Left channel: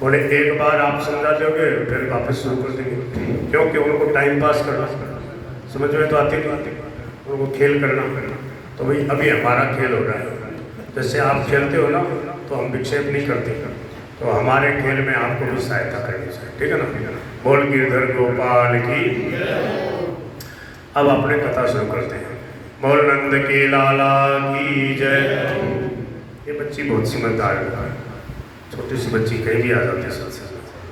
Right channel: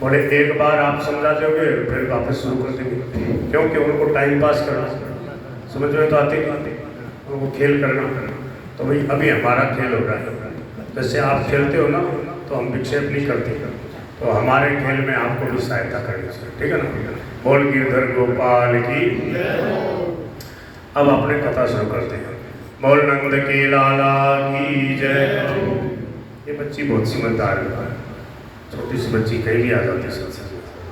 बोले एक बार आप समझा दोगे फिर वापस शुरू कर देंगे, क्योंकि उनको टाइम पास करना, समझ में तो आती नहीं, उनको खेल करना। तो भाई अभी हमारा खेल हो रहा है, जैसे आप खेलते हो ना तो हम विक्षेप नहीं करते, तो हमारे खेल में आपको भी सहायता करनी चाहिए, ठीक है ना। बोल गिरधर गोपाल की। अब अपने कथा शुरू करते हैं। बोल नंद के लाला की जय। ये बच्ची बहुत समझदार है, छोटी सी बच्ची कहीं भी आ जाती है,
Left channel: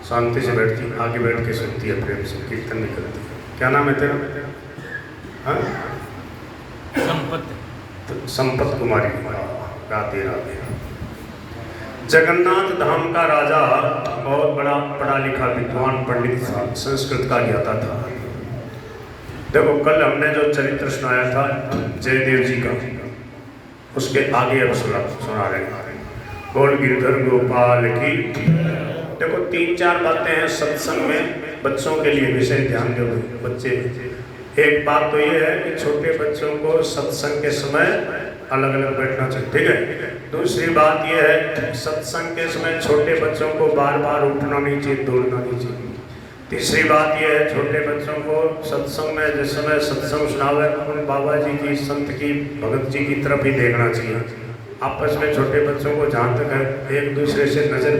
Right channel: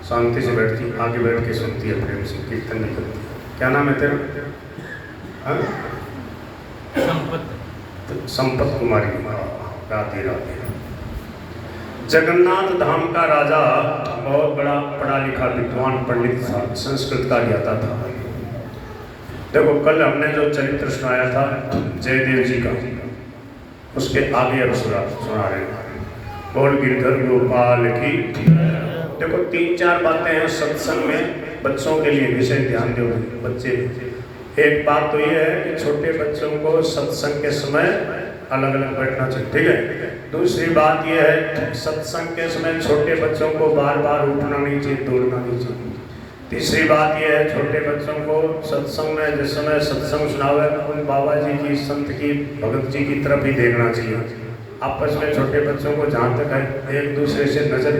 शांति से बैठती, आगे बैठ के सुनती है, प्रेम से कीर्तन भी करती है। क्या नाम है तेरा? हाँ, संपत कुमारी। राधे राधे। जगन्नाथ धाम का राजा बहुत बड़ा पढ़ा लिखा विद्वान पंडित था, संस्कृत का ज्ञाता था। देखो कल हमने जो चरित्र सुनाया था जयदेव जी का, उसके आगे अब सुना रहे हैं। बोल गिरधर गोपाल की। देखो 3-4 बातें हैं सत्संग में बच्चों के लिए, विशेष ध्यान दो बच्चे। एक बात तो ये है कि छोटे बच्चों को सत्संग के समय अलग अलग बैठना चाहिए, ठीक है। दूसरी बात यह है सत्संग के समय छोटे बच्चों को बार बार उठना नहीं चाहिए, दौड़ना नहीं चाहिए। तीसरी बात यह है छोटे बच्चों को सत्संग में जिस समय सत्संग सुनावे उन बाबा जी की, संत की, भगत जी की तरफ ही देखना चाहिए। आपस में छोटे बच्चों को जहाँ तक है एक दूसरे से नज़र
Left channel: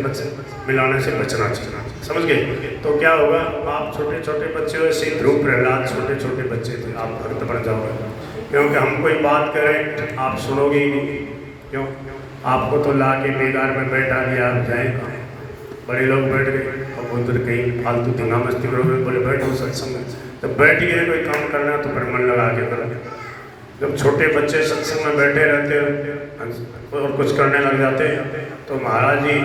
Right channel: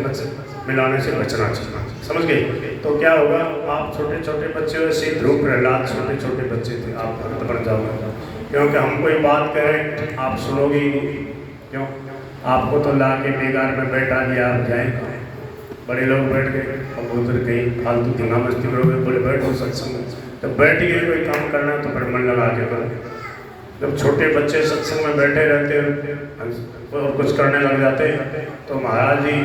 मिलाने से बचना चाहिए, समझ गए। तो क्या होगा, आप छोटे छोटे बच्चे से ध्रुव प्रहलाद छोटे छोटे बच्चे थे, आप भक्त बन जाओगे, क्योंकि हम कोई बात करें आप सुनोगे ही नहीं। क्यों? आपको तो ला के बेकार में बैठा दिया, आप जाए कहाँ? बड़े लोग बैठ गए और उधर कहीं फालतू धुना मस्ती करोगे, बोले बैठो सत्संग में, तो बैठ गए कोई काम करना तो फिर मन लगा के करो। जब छोटे बच्चे सत्संग में बैठे रहते और कुछ करने लग जाते तो महाराज जी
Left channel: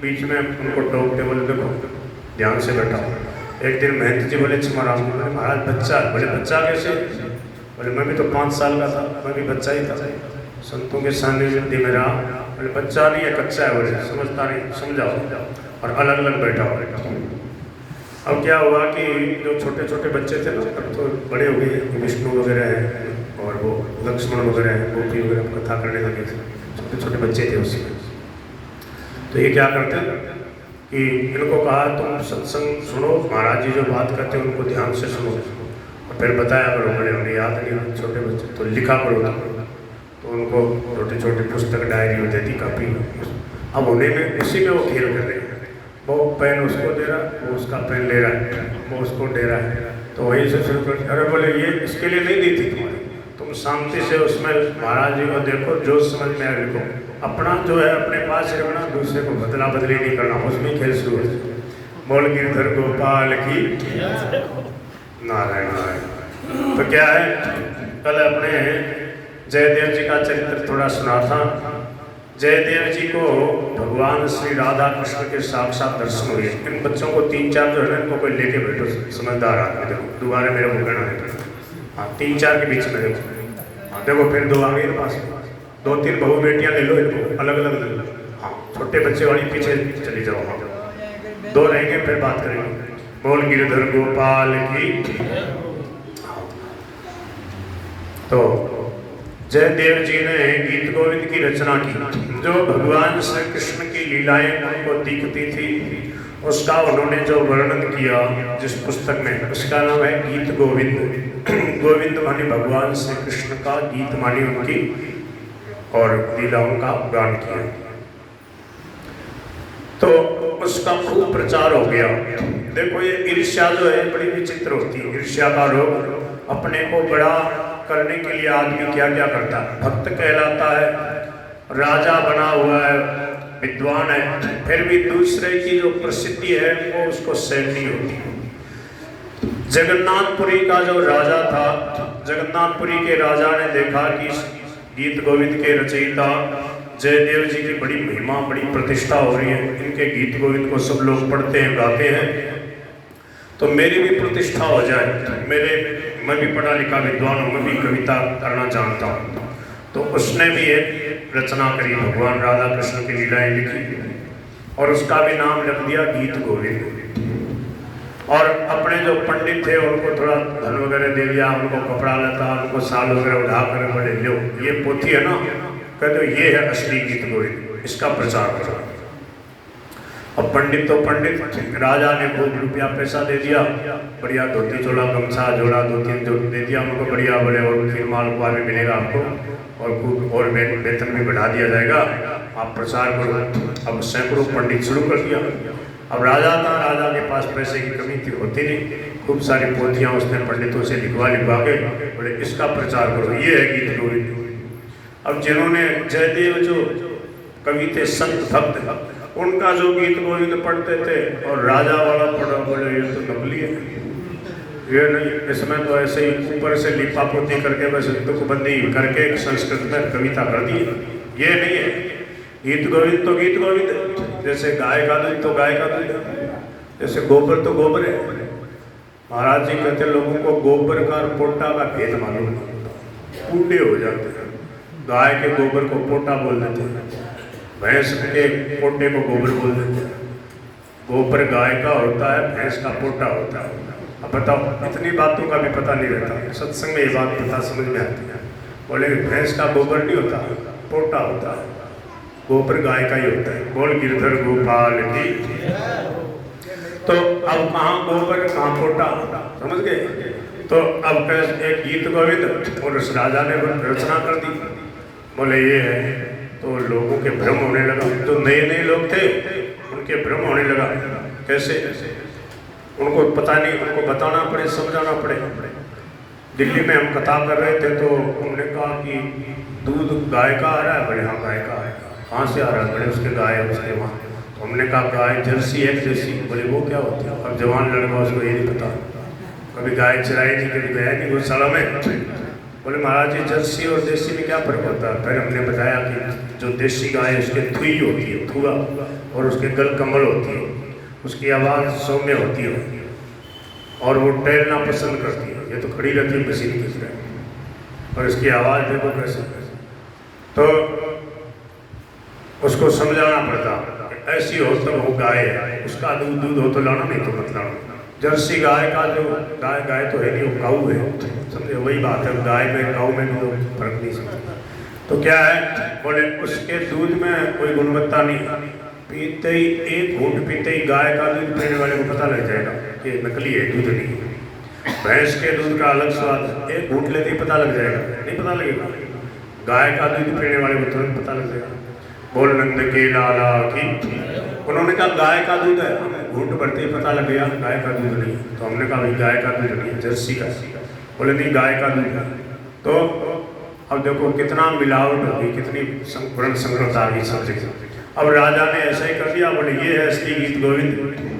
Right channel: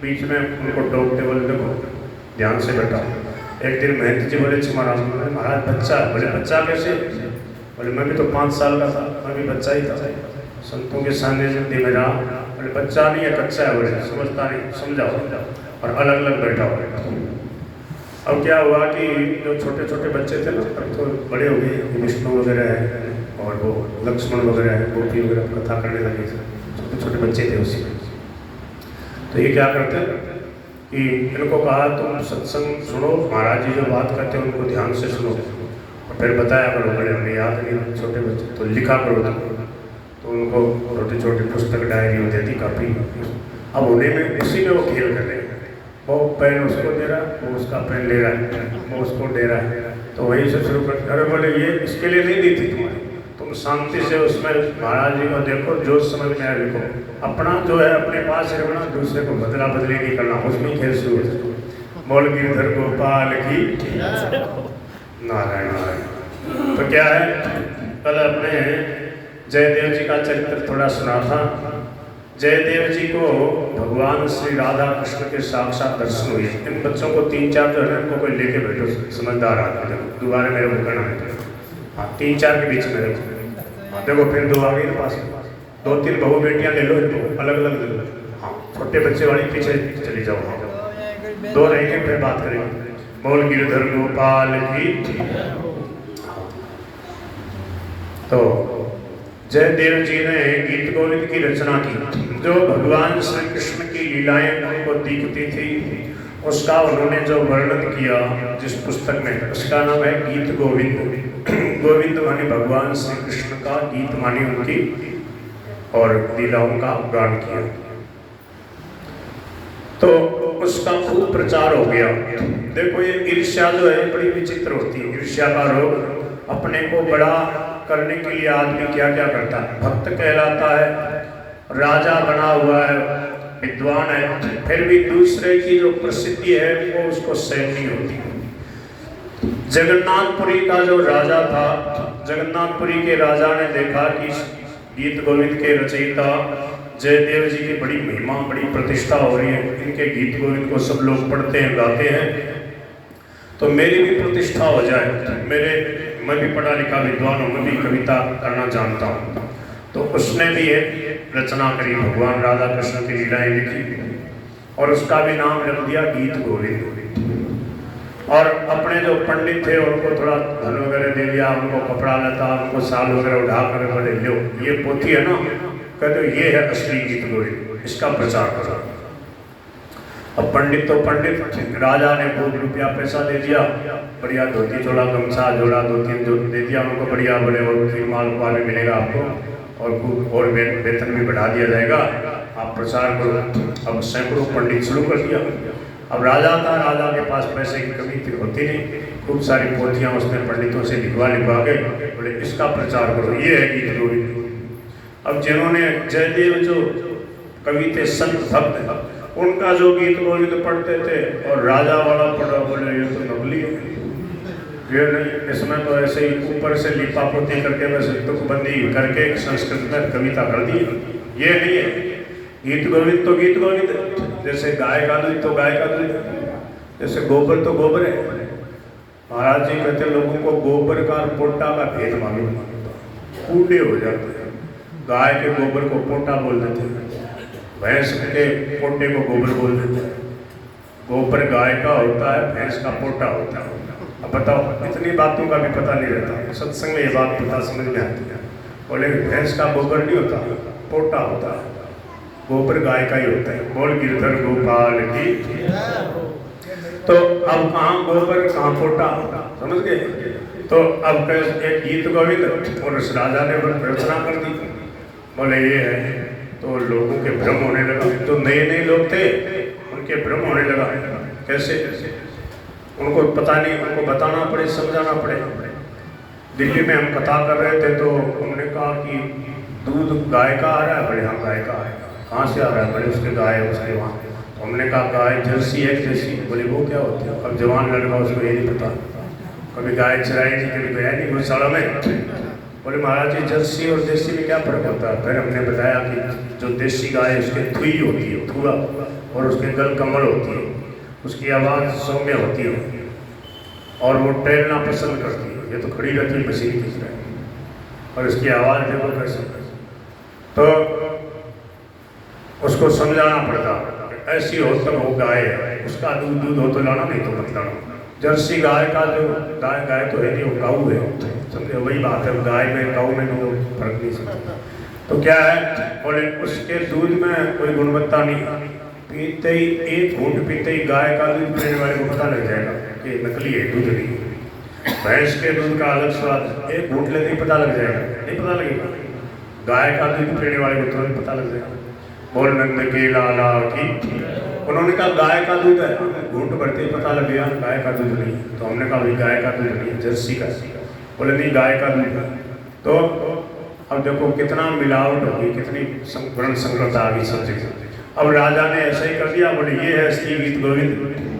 बीच में उनको टोकते, बोले देखो ध्यान से बैठा। एक दिन महंत जी बोले महाराज बच्चा, बोले बच्चा कैसे? बोले मैं भी तो 5 साल का था, मैं भी बच्चा ही था, संतों के सामने जिंदगी में रहा। बोले बच्चा नहीं है, कच्चा है, बोले समझता नहीं, समझाओ। और अलग अलग बैठा हो। अब क्या हुआ कि जो छोटे छोटे बच्चे थे ना, अब तो बड़े हो गए, विष्णु वगैरह है और वो लक्ष्मण वगैरह है, गोपी वगैरह कथा करने लगे थे, छोटे छोटे बच्चे थे उससे। तो ये क्या करते हैं कि इनको कहा तुम सत्संग सुनो, महाराज जी जो बात करते हैं उनको ध्यान से सुनो और फिर बताया करो। बड़े हमने याद नहीं, छोटे बच्चे तो लिखा करो। तो उनको छोटी छोटी पुस्तक डायरी होती थी, काफ़ी। अब उन्हें में उसी में वो खेल कर रहे हैं, वो पेन उसको दे रहा, वो उसका पेन ले रहा है, वो उसको दे रहा है। तो वहीं से शुरू कर, अरे बोले ये इसके लिए नहीं दी थी तुम्हारी, तुम शांति से उसमें महाराज जी को देखो, जो समझ में आए लिखो। अपना जो है अपने पास ही रखना, दूसरे को बदला बदली नहीं करना, उसमें खेल शुरू हो। बोल गिरधर गोपाल की। नारायण नारायण। तो क्या है, कल अपने जयदेव जी का चरित्र थोड़ा सुना था। जयदेव जी को भगवान श्री राधा कृष्ण के साक्षात दर्शन हुए। इन बच्चों को 3-4 जो है ना, इनको कोई लेके बैठो, समझदार आदमी दोबारा मेरे को कहना है। हाँ 3-4 के बीच में देखो। हाँ देखो फिर 2 आगे के पास 2-3 बहू बेटियां ले लो, इनको अलग अलग ले लो। हाँ छोटे बच्चे वाली पीछे चली जाओ, हाँ 2 रहेंगे फिर बात करेंगे। बोल गिरधर गोपाल की। तो जयदेव जी ने गीत गोविंद की रचना की, जो भगवान श्री कृष्ण की लीलाएं उनको दिखती थी, उसका उन्होंने जो वर्णन किया जिस पुस्तक में, उसका नाम है गीत गोविंद। गोविंद मानी भगवान श्री कृष्ण का, गीत मानी उनकी और लीलाओं का गान किया। तो उसका खूब प्रचार हो गया। देखो ये ईर्ष्या जो है बड़ी विचित्र होती है, ईर्ष्या का रोग। अपने को बड़ा करने के लिए आदमी क्या क्या करता है, भक्त कहलाता है, राजा बना हुआ है, विद्वान है, फिर भी दूसरे की जो प्रसिद्धि है वो उसको सहन नहीं होती। जगन्नाथपुरी का जो राजा था, जगन्नाथपुरी के राजा ने देखा कि गीत गोविंद के रचयिता जयदेव जी की बड़ी महिमा, बड़ी प्रतिष्ठा हो रही है, इनके गीत गोविंद को सब लोग पढ़ते हैं, गाते हैं, तो मेरी भी प्रतिष्ठा हो जाए, मैं भी पढ़ा लिखा विद्वान हूँ, मैं भी कविता करना जानता हूँ। तो उसने भी एक रचना करी, भगवान राधा कृष्ण की लीलाएं लिखी और उसका भी नाम रख दिया गीत गोविंद। और अपने जो पंडित थे उनको थोड़ा धन वगैरह दे दिया, उनको कपड़ा लता, उनको साल वगैरह उठा कर बोले लो ये पोथी है ना, कहते ये है असली गीत गोविंद, इसका प्रचार करो। अब पंडित तो पंडित, राजा ने खूब रुपया पैसा दे दिया, बढ़िया धोती चोला गमछा जोड़ा दो तीन दे दिया उनको, बढ़िया बड़े और फिर माल वाले मिलेगा आपको और खूब और वेतन भी बढ़ा दिया जाएगा, आप प्रचार करो। अब सैकड़ों पंडित शुरू कर दिया। अब राजा था, राजा के पास पैसे की कमी थी होती नहीं, खूब सारी पोथियाँ उसने पंडितों से लिखवा के बोले इसका प्रचार करो, ये है गीत गोविंद। अब जिन्होंने जयदेव जो कवि थे संत भक्त, उनका जो गीत गोविंद पढ़ते थे और राजा वाला पढ़ा, बोले ये तो नकली है, ये नहीं, इसमें तो ऐसे ही ऊपर से लिपा पोती करके बस तुकबंदी करके संस्कृत में कविता कर दी, ये नहीं है। गीत गोविंद तो गीत गोविंद है, जैसे गाय का दूध तो गाय का दूध है, जैसे गोबर तो गोबर है। महाराज जी कहते लोगों को गोबर का और पोटा का भेद मालूम, कूड़े हो जाते हैं। गाय के गोबर को पोटा बोल देते हैं, भैंस के पोटे को गोबर बोल देते हैं। गोबर गाय का होता है, भैंस का पोटा होता है। अब बताओ, इतनी बातों का भी पता नहीं रहता, सत्संग में ये बात पता समझ में आती है। बोले भैंस का गोबर नहीं होता, पोटा होता है, गोबर गाय का ही होता है। बोल गिरधर गोपाल की। तो अब कहाँ गोबर कहाँ पोटा, समझ गए? तो अब एक गीत गोविंद और उस राजा ने रचना कर दी, बोले ये है। तो लोगों के भ्रम होने लगा, तो नए नए लोग थे उनके भ्रम होने लगा। कैसे? उनको पता नहीं, उनको बताना पड़े, समझाना पड़े। दिल्ली में हम कथा कर रहे थे तो उन्होंने कहा कि दूध गाय का आ रहा है, बड़े हाँ गाय का है। कहाँ से आ रहा है? बड़े उसके गाय है उसके वहाँ। हमने कहा गाय जर्सी है, जर्सी। बोले वो क्या होती है? अब जवान लड़का उसको ये नहीं पता, कभी गाय चराई नहीं, कभी गया नहीं गौशाला में। बोले महाराज जी जर्सी और देसी में क्या फर्क होता है? फिर हमने बताया कि जो देसी गाय है उसके थुई होती है, थुआ, और उसके गल कमल होती है, उसकी आवाज़ सौम्य होती है और वो टहलना पसंद करती है। ये तो खड़ी रहती है मशीन की तरह, और इसकी आवाज़ देखो कैसे। तो उसको समझाना पड़ता, ऐसी हो तो वो गाय है, उसका दूध दूध हो तो लाना, नहीं तो मत लाना। जर्सी गाय का जो गाय तो है नहीं, वो काऊ है, समझे? वही बात है, गाय में काऊ में वो फर्क नहीं समझता। तो क्या है? बोले उसके दूध में कोई गुणवत्ता नहीं, पीते ही एक घूंट पीते ही गाय का दूध पीने वाले को पता लग जाएगा कि नकली है, दूध नहीं। भैंस के दूध का अलग स्वाद, एक घूंट लेते ही पता लग जाएगा, नहीं पता लगेगा। गाय का दूध पीने वाले को तुरंत पता लग जाएगा। बोल नंद के लाला की। उन्होंने कहा गाय का दूध है, घूंट भरते ही पता लग गया गाय का दूध नहीं। तो हमने कहा भाई गाय का दूध नहीं, जर्सी का। बोले नहीं गाय का दूध है। तो अब देखो कितना मिलावट होगी, कितनी वर्ण संकरता आ गई सब। अब राजा ने ऐसा ही कर दिया, बोले ये है असली गीत गोविंद।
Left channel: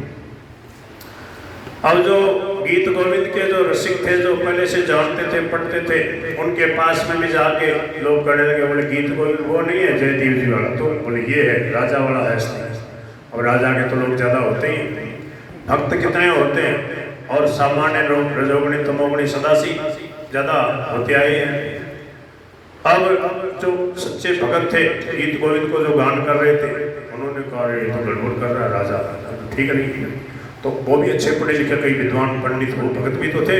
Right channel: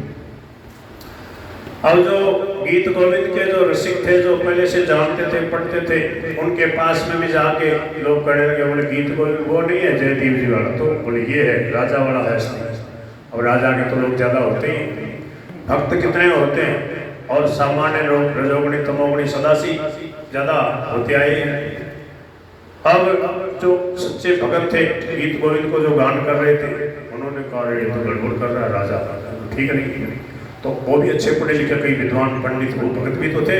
अब जो गीत गोविंद के जो रसिक थे, जो पहले से जानते थे, पढ़ते थे, उनके पास में भी जाके लोग कहने लगे, बोले गीत गोविंद वो नहीं है जयदेव जी वाला, तो बोले ये है राजा वाला है। अब राजा के तो लोग ज़्यादा होते ही, भक्त कितने होते हैं, और सामान्य लोग रजोगुणी तमोगुणी सदासी ज़्यादा होते आए हैं। अब जो सच्चे भगत थे, गीत गोविंद को जो गान कर रहे थे, उन्होंने कहा ये तो गड़बड़ कर रहा है राजा, ठीक है नहीं। तो वो भी अच्छे पढ़े लिखे कई विद्वान पंडित, वो भगत भी तो थे।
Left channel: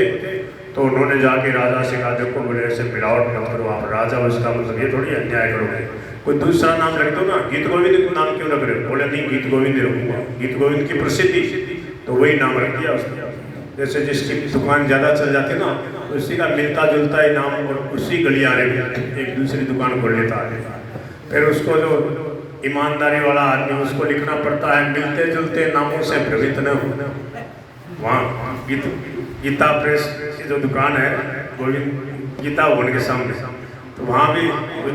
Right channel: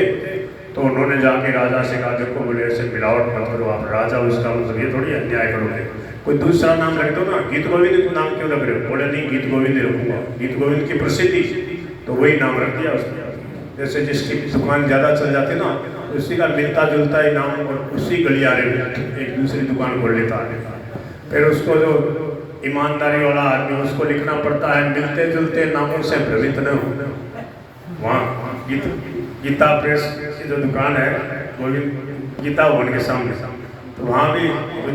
तो उन्होंने जाके राजा से कहा देखो बोले ऐसे मिलावट मत करो आप, राजा हो इसका मतलब ये थोड़ी अन्याय करोगे, कोई दूसरा नाम रख दो ना, गीत गोविंद नाम क्यों रख रहे हो? बोले नहीं गीत गोविंद रखूंगा, गीत गोविंद की प्रसिद्धि, तो वही नाम रख दिया उसने। जैसे जिसकी दुकान ज़्यादा चल जाती है ना, तो उसी का मिलता जुलता ही नाम और उसी गलियारे में एक दूसरी दुकान खोल लेता है। फिर उसको जो ईमानदारी वाला आदमी, उसको लिखना पड़ता है मिलते जुलते नामों से भ्रमित न हो। वहाँ गीता प्रेस की जो दुकान है गोविंद गीता भवन के सामने, तो वहाँ भी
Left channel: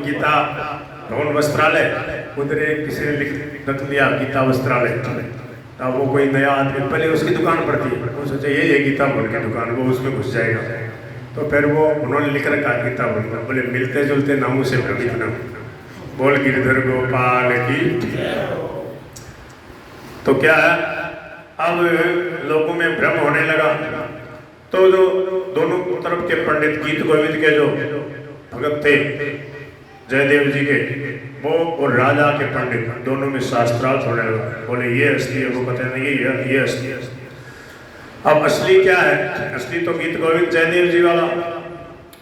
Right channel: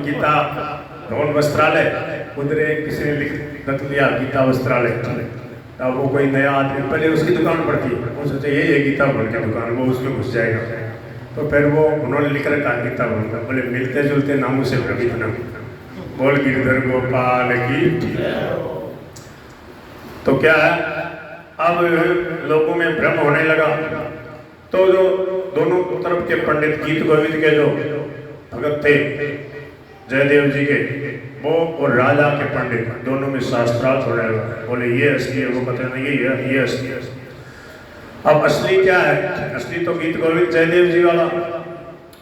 गीता भवन वस्त्रालय, उधर एक किसी ने लिख दिया गीता वस्त्रालय। अब वो कोई नया आदमी पहले उसकी दुकान पड़ती है, वो सोचे ये गीता भवन की दुकान, वो उसमें घुस जाएगा। तो फिर वो उन्होंने लिख रखा गीता भवन का, बोले मिलते जुलते नामों से भ्रमित न हो। बोल गिरधर गोपाल की। तो क्या है, अब लोगों में भ्रम होने लगा। तो जो दोनों तरफ के पंडित, गीत गोविंद के जो भगत थे जयदेव जी के, वो और राजा के पंडित, दोनों में शास्त्रार्थ होने लगा। बोले ये असली है, वो कहते नहीं ये असली है। अब असली क्या है? असली तो गीत गोविंद जयदेव जी वाला,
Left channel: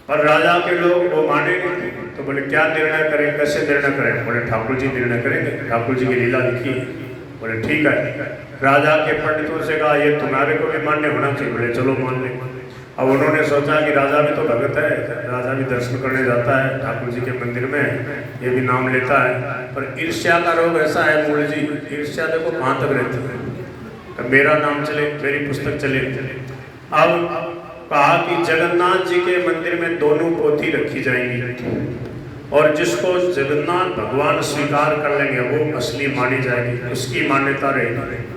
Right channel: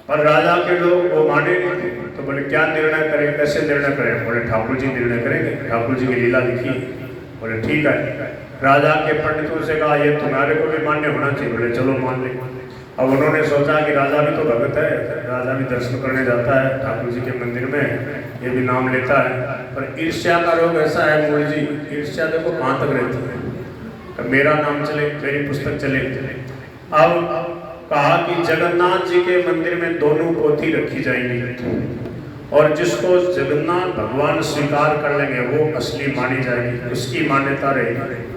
पर राजा के लोग वो माने नहीं। तो बोले क्या निर्णय करें, कैसे निर्णय करें? बोले ठाकुर जी निर्णय करेंगे, ठाकुर जी की लीला लिखी, बोले ठीक है। राजा के पंडितों से कहा ये तुम्हारे को भी मान्य होना चाहिए। बोले चलो मान लें। अब उन्होंने सोचा कि राजा भी तो भगत है, राजा भी दर्शन करने जाता है ठाकुर जी के मंदिर में, ये भी नाम लेता है। पर ईर्ष्या का रोग ऐसा है मूल जी, ईर्ष्या देखो कहाँ तक रहती है। मेरा नाम चले, मेरी पुस्तक चले। अब कहा कि जगन्नाथ जी के मंदिर में दोनों पोथी रखी जाएंगी और जिसको जगन्नाथ भगवान स्वीकार कर लेंगे वो असली मानी जाएगी, उसकी मान्यता रहेगी।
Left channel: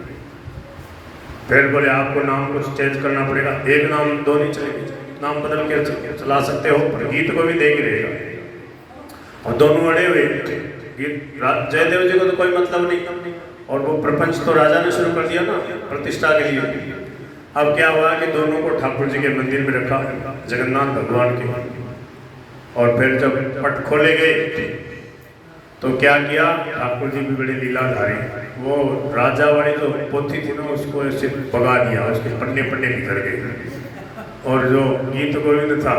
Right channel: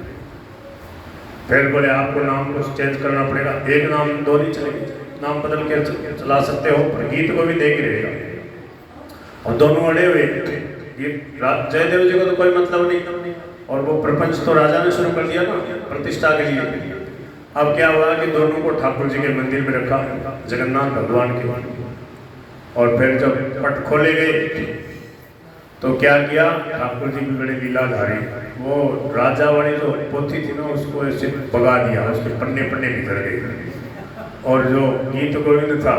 फिर बोले आपको नाम कुछ चेंज करना पड़ेगा, एक नाम दो नहीं चलेगी, नाम बदल के चला सकते हो, पर गीत को भी देख ही रहेगा। और दोनों अड़े हुए गीत, जयदेव जी को तो कोई मतलब नहीं, और वो प्रपंच तो राजा ने शुरू कर दिया ना प्रतिष्ठा के लिए। अब क्या हुआ कि दोनों को ठाकुर जी के मंदिर में रखा, जगन्नाथ भगवान के। और फिर जब पट खोले गए तो क्या किया, ठाकुर जी भी बड़ी लीलाधारी, वो राजा वाली जो पोथी थी ना उसको ऐसे भगा दिया, उसके पन्ने पन्ने निकल गए। और जो गीत गोविंद था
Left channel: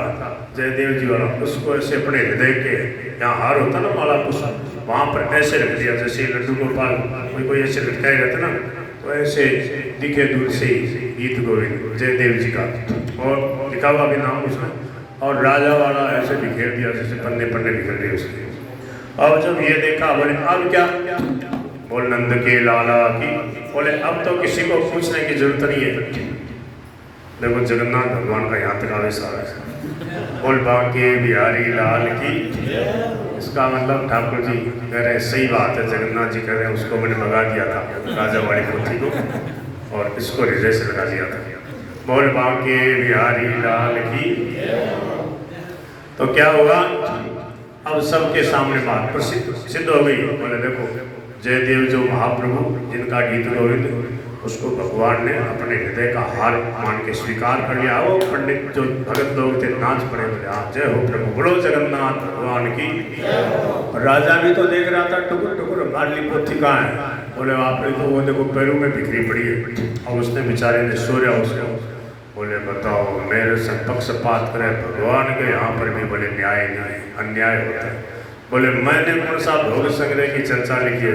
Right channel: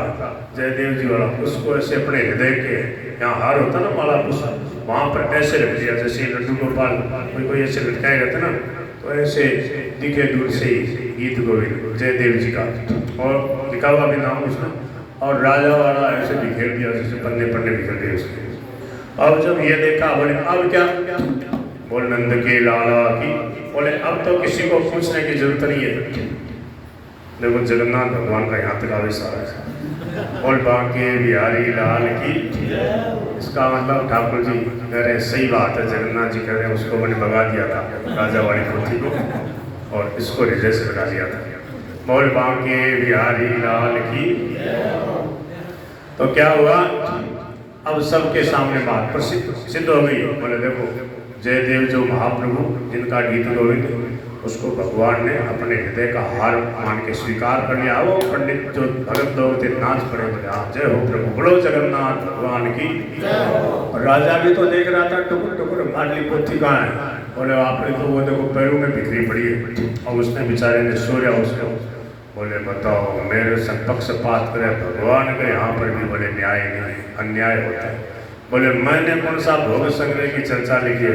जयदेव जी वाला, उसको ऐसे अपने हृदय के यहाँ हार होता ना माला पुष्प, वहाँ पर ऐसे रख दिया जैसे लड्डू गोपाल कोई ऐसे लटकाए रहते ना, तो ऐसे दिखे दूर से गीत गोविंद जयदेव जी का, और लिखा हुआ भी नाम उसका, और राजा वाला ऐसे बिखेर दिया जैसे पन्ने पन्ने बिखर गए उसके। अब जब ये देखा बोले अब क्या, बोल नंद के लाला की, बोले अब तो किसी को पूछने की जरूरत नहीं है। देखो जगन्नाथ भगवान का यहाँ तक आदेश आ रहा है, बोल बाके बिहारी लाल की। इसका मतलब ठाकुर जी कह रहे सही बात है, जगन्नाथ जी कह रहे हैं उसको मैंने भगा दिया था राजा वाली पोथी को, और इसको हृदय से लगा दिया था। बोल बाके बिहारी लाल की। तो क्या हुआ, अब सबके सामने बात प्रसिद्ध सिद्ध हो गई। बोले देखो जयदेव जो महाप्रभु जिनका गीत गोविंद, उसको भगवान ने अपने हृदय का हार मान के स्वीकार कर लिया। वो पंडित जो भगत लोग थे नाच पड़े, बोले आप जय हो प्रभु, बोलो जगन्नाथ भगवान की। राजा भी तो देख रहा था टुकुर टुकुर हमारी पोथी कहाँ है। बोले आपने तो वो देखो पैरों में बिखरी पड़ी है, और उसने बेचारे ने सोया उसको। बोले बताओ मेरे से पक्षपात करे भगवान के, यहाँ पर भी बोले न्याय नहीं अन्याय होता है। बोले मैंने कौन सा भोग संग्रह की चर्चा लिखी है,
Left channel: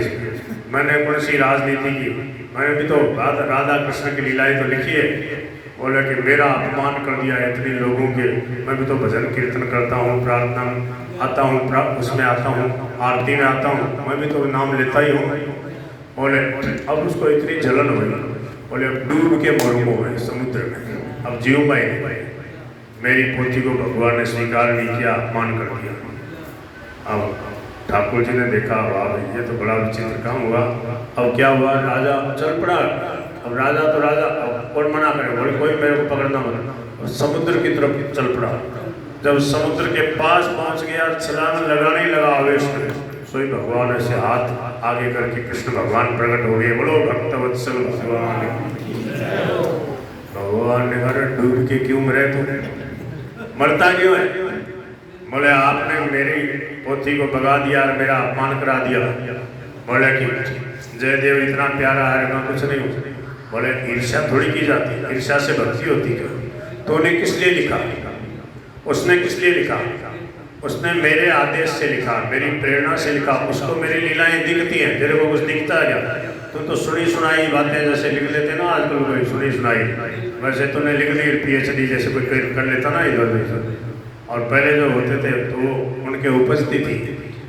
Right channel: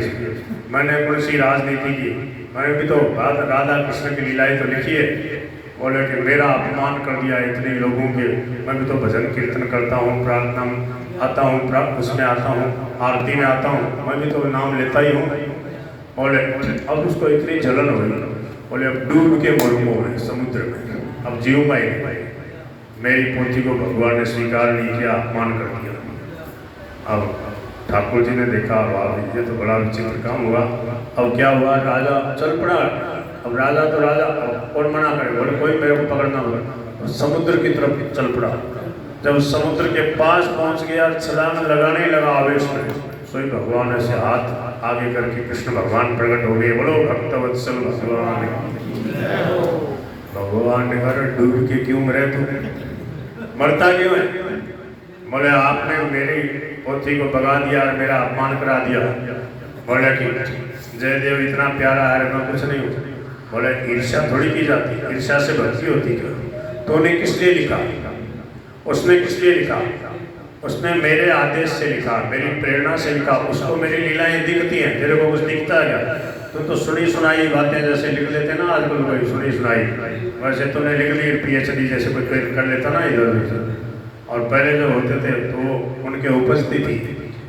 मैंने कौन सी राजनीति की, मैंने भी तो राधा कृष्ण की लीलाएं तो लिखी है। बोले कि मेरा अपमान कर दिया इतने लोगों के, मैं भी तो भजन कीर्तन करता हूँ, प्रार्थना आता हूँ, उसमें आता हूँ, आरती में आता हूँ, मैं भी तो नाम लेता ही हूँ। बोले अब उसको इतनी जलन हुई, बोले अब डूब के मरूंगा मैं समुद्र में, अब जीऊंगा ही नहीं। मेरी पोथी को भगवान ने स्वीकार नहीं किया, अपमान कर दिया। अब ठाकुर जी ने देखा वाह ये तो बड़ा विचित्र काम हुआ। अब क्या हुआ, राजा चल पड़ा। अब राजा तो राजा, अब कौन मना करे, बोले कोई मेरे को पकड़ना हो। समुद्र की तरफ चल पड़ा। जब समुद्र के पास पहुंच गया, छलांग लगाने लगा आवेश में, सोई भगवान ऐसे हाथ आगे करके कृष्ण भगवान प्रकट हो गए। बोलो भक्तवत्सल भगवान। भगवान ने कहा डूब के क्यों मरे तू, मरता क्यों है। बोले आपने मेरी पोथी को भगा दिया और मेरा अपमान करा दिया। बोले कि जयदेव इतना प्यारा है, मैं कुछ नहीं हूँ। बोले ईर्ष्या थोड़ी की जाती, ईर्ष्या से भक्ति होती है। तो उन्हें किस लिए लिखा, उसने किस लिए लिखा, उसने मेरे आदेश से लिखा, मेरी प्रेरणा से लिखा। उसको मेरी लीलाएं दिखती हैं, तेरे को कुछ दिखता है क्या। तुम तो सुनी सुनाई बातें जैसे लिख लेते ना आजकल, कोई सुनी सुनाई, वैसे तूने लिख ली PhD जैसे कोई कर लेता ना इधर। और पहले जो होते थे तो उनके उपस्थिति थी,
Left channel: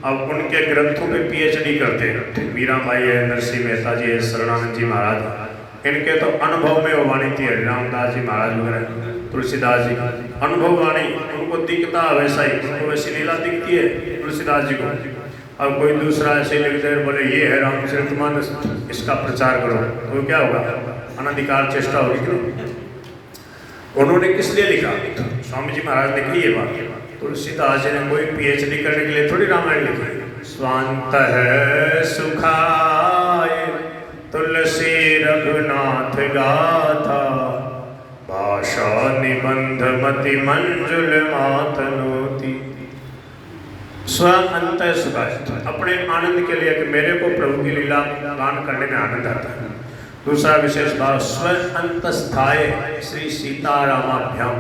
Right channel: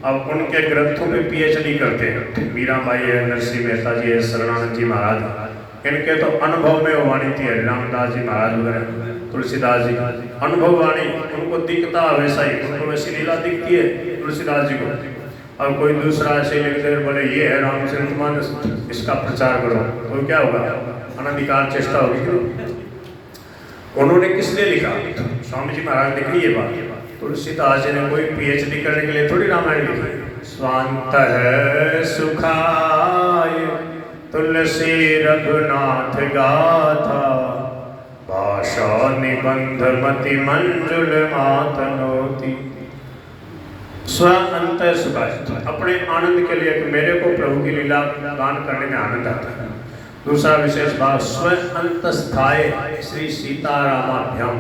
अब उनके ग्रंथों पे PhD करते हैं। मीराबाई है, नरसिंह मेहता जी है, शरणानंद जी महाराज, इनके तो अनुभव में वो वाणी थी। रामदास जी महाराज वगैरह, तुलसीदास जी अनुभव वाणी, उनको दिखता वैसा ही, उनको वैसी लीला दिखती है तुलसीदास जी को। अब कोई दूसरा ऐसे लिखते बोले ये है रामचरितमानस, इसका प्रचार करो, तो क्या होगा, अनधिकार चेष्टा होगी। उन्होंने किस लिए लिखा, स्वामी जी महाराज ने लिखी ये बात। तुलसीदास जी ने कोई PhD करने के लिए थोड़ी रामायण लिखी। स्वांत है सुखाय तुलसी रघुनाथ गाथा, भाषा निबंध मति मंजुल मातनोती। स्व अंत सुखाय, अपने आनंद के लिए कि मेरे को प्रभु की लीला गान करने में आनंद आता है। दूसरा विशेष भाव स्व अंतस्थाय श्री सीतारामाभ्याम,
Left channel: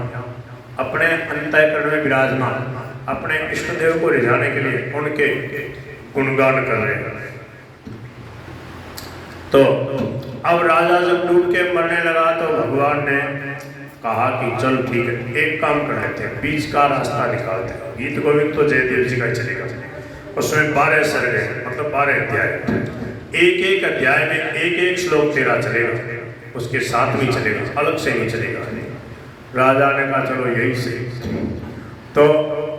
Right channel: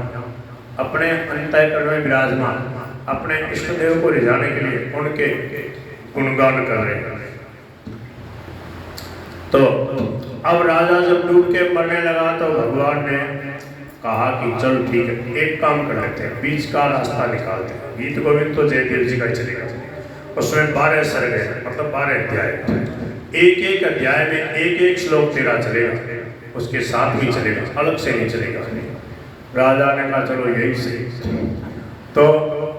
अपने अंतःकरण में विराजमान अपने इष्ट देव को रिझाने के लिए उनके गुणगान कर रहे हैं। तो अब राजा जब डूब के मरने लगा तो भगवान ने कहा कि चल ठीक है, एक काम कर लेते हैं, बीच का रास्ता निकालते हैं। गीत गोविंद तो जयदेव जी का ही चलेगा। उसमें 12 सर्ग है, मतलब 12 अध्याय, एक एक अध्याय में एक एक श्लोक तेरा चलेगा, उसके साथ भी चलेगा, अलग से नहीं चलेगा। राजा ने कहा चलो यही सही। तो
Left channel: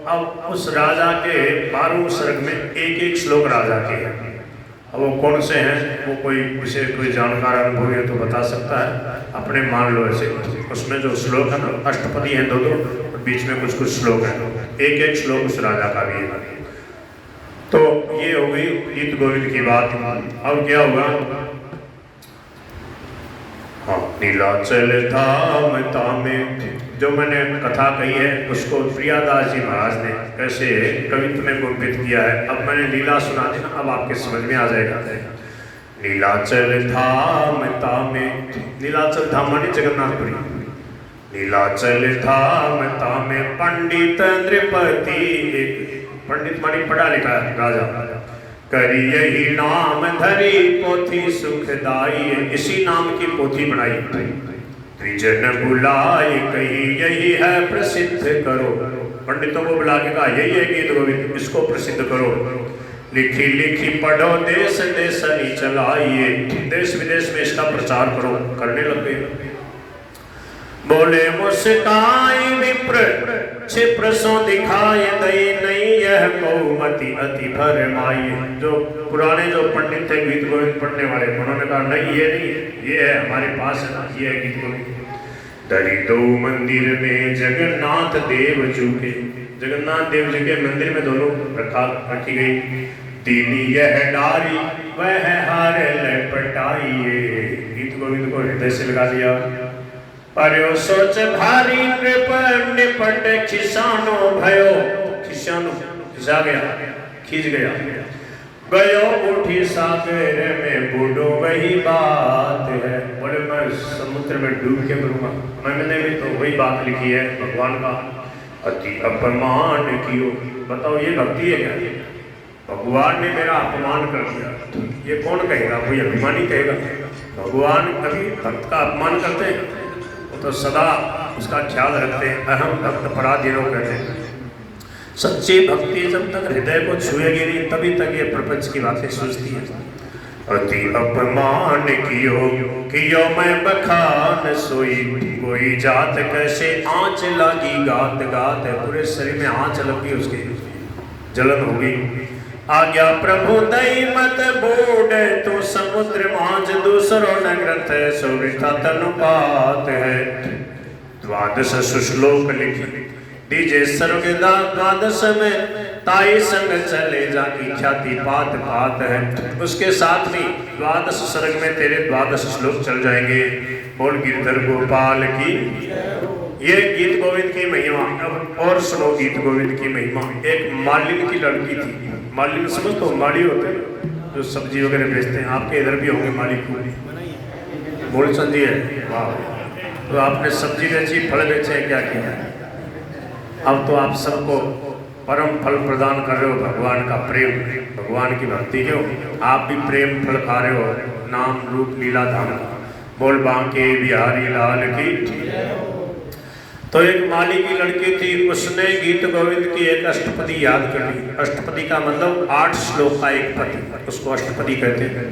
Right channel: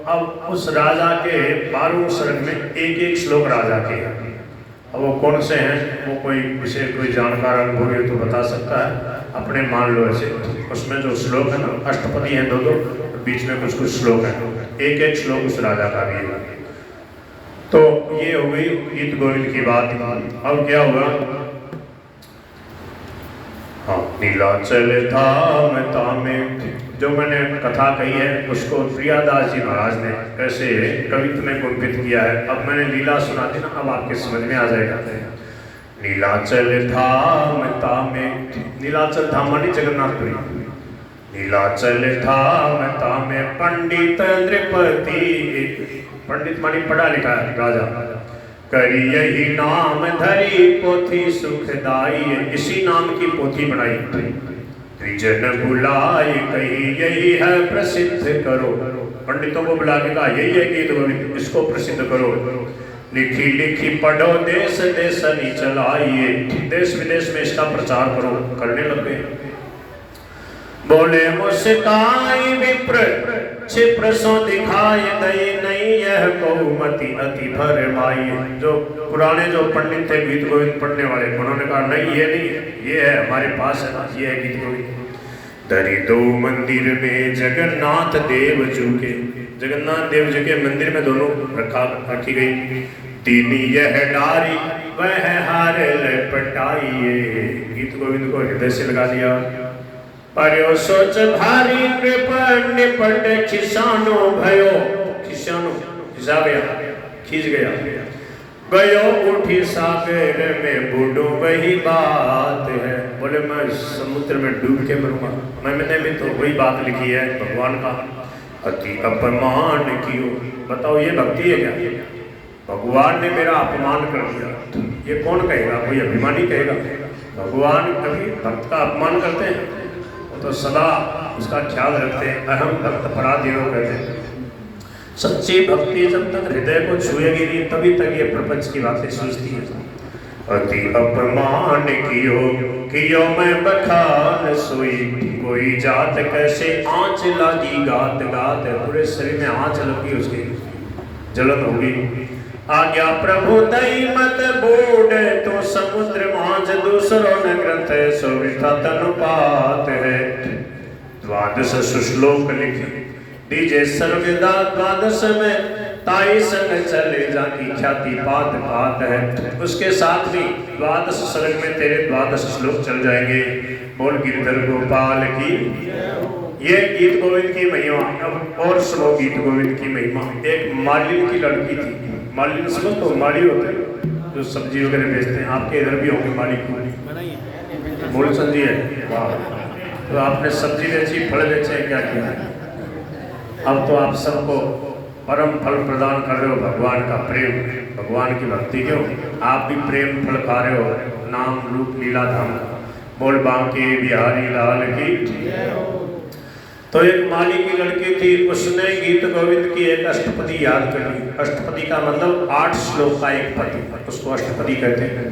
अब उस राजा के 12 सर्ग में एक एक श्लोक राजा के हैं। अब वो कौन से हैं, वो कोई विशेष कोई जानकार अनुभव है तो बता सकता है, अपने मान लो ऐसे। उसमें जो श्लोक है ना, अष्टपदी हैं दो, बीच में कुछ कुछ श्लोक हैं, एक एक श्लोक उस राजा का भी है। तो ये हो गई गीत गोविंद की बात। अब क्या हुआ, हाँ, नीलाचल धाम तामे, जो मैंने कथा कही है उसको प्रियादास जी महाराज ने कैसे कवित्व में गुणवित किया है। अब मैंने लीला सुना दी ना, अब आपके समझ में आ जाएगा। नीलाचल धाम तामे, नीलाचल धाम मानी जगन्नाथपुरी, नीलाचल धाम तामे पंडित नृपति, पंडित मानी पढ़ा लिखा है राजा, करी यही नाम धरी पोथी सुखदाई, इसी नाम की पोथी बनाई। त्रिजन बुलाए कही यही है प्रसिद्ध करो, पंडितों को बुला के कहा यही है गीत गोविंद, इसको प्रसिद्ध करो। लिखी लिखी पढ़ो देश देशनी चलाइए, देश विदेश में इसका प्रचार करो, करने लगे। बोले मुस्काई विप्र क्षिप्र सो दिखाए दई नहीं यह बहुमति अति भरमाई। जो पुराने जो पंडित थे गीत गोविंद पढ़ने वाले, उन्होंने कहा नहीं ये नहीं, ये है हमारे पास है ना, ये है गीत गोविंद। दरी दो मंदिर में जगन्नाथ देव जी के, जगन्नाथ देव जी के मंदिर में दोनों रखी गई। तीनी यह डारी वह हार लपटाइए, गीत गोविंद को हृदय से लगा दिया। पर्यो सोच भारी कृप निपट खिसानो भयो, खिसानो खिसा गया, खींच गया। गयो उठी सागर में बूढ़ो वही बात है, बोले मैं समुद्र में डूब के मरूंगा। मैंने भी तो वही बात लिखी है भगवान का, अति अपमान कियो। बताओ ये भक्ति है क्या? भगवान ने मेरा अपमान कर दिया, ये कौन कहेगा? कोई अभिमानी कहेगा? भगवान कभी भक्त का अपमान करते हैं? वो तो सदा उसका ख्याल रखते हैं। अहम भक्त पराधीनो कहते हैं। सच्ची भक्ति जब तक हृदय को छुएगी नहीं तभी तक ये प्रपंच की बातें सोचती है। अति अपमान कियो मैं बखान सोई, कोई जात कैसे आँच लागी गात गात, पूरे शरीर में आँच लगी, उसकी जलन होगी। आज्ञा प्रभु दई मत बोड तो समुद्र मांझ दूसरो न ग्रंथ सोविता तनुपात है। द्वादश श्लोक लिखी दीजे सर्वदा, द्वादश में ताई संग चले जाकी ख्याति पात पात है। उसके साथ ही द्वादश सर्ग में तेरे द्वादश श्लोक चल जाएंगे। बोल गिरधर गोपाल की। ये गीत गोविंद की महिमा। अब और सुनो गीत गोविंद की महिमा। एक मालिन की लड़की थी। मालिन समझ तो माली होते हैं जो सब्जी वगैरह बेचते हैं, आपके इधर भी होंगे माली फूल, बोल संधि है। तो आपने सब्जी बेची, फल बेचे, क्या किया? अब तो आप सबको परम फल प्रदान कर रहे हो, भगवान का प्रेम, भगवान की भक्ति के हो। आप भी प्रेम फल खा रहे हो, नाम रूप लीला धाम का। बोल बांके बिहारी लाल की। तो एक माली की लड़की थी, उसने गीत गोविंद की एक अष्टपदी याद कर ली। अष्टपदी का मतलब 8 श्लोक का एक पदी, उसको अष्टपदी कहते हैं।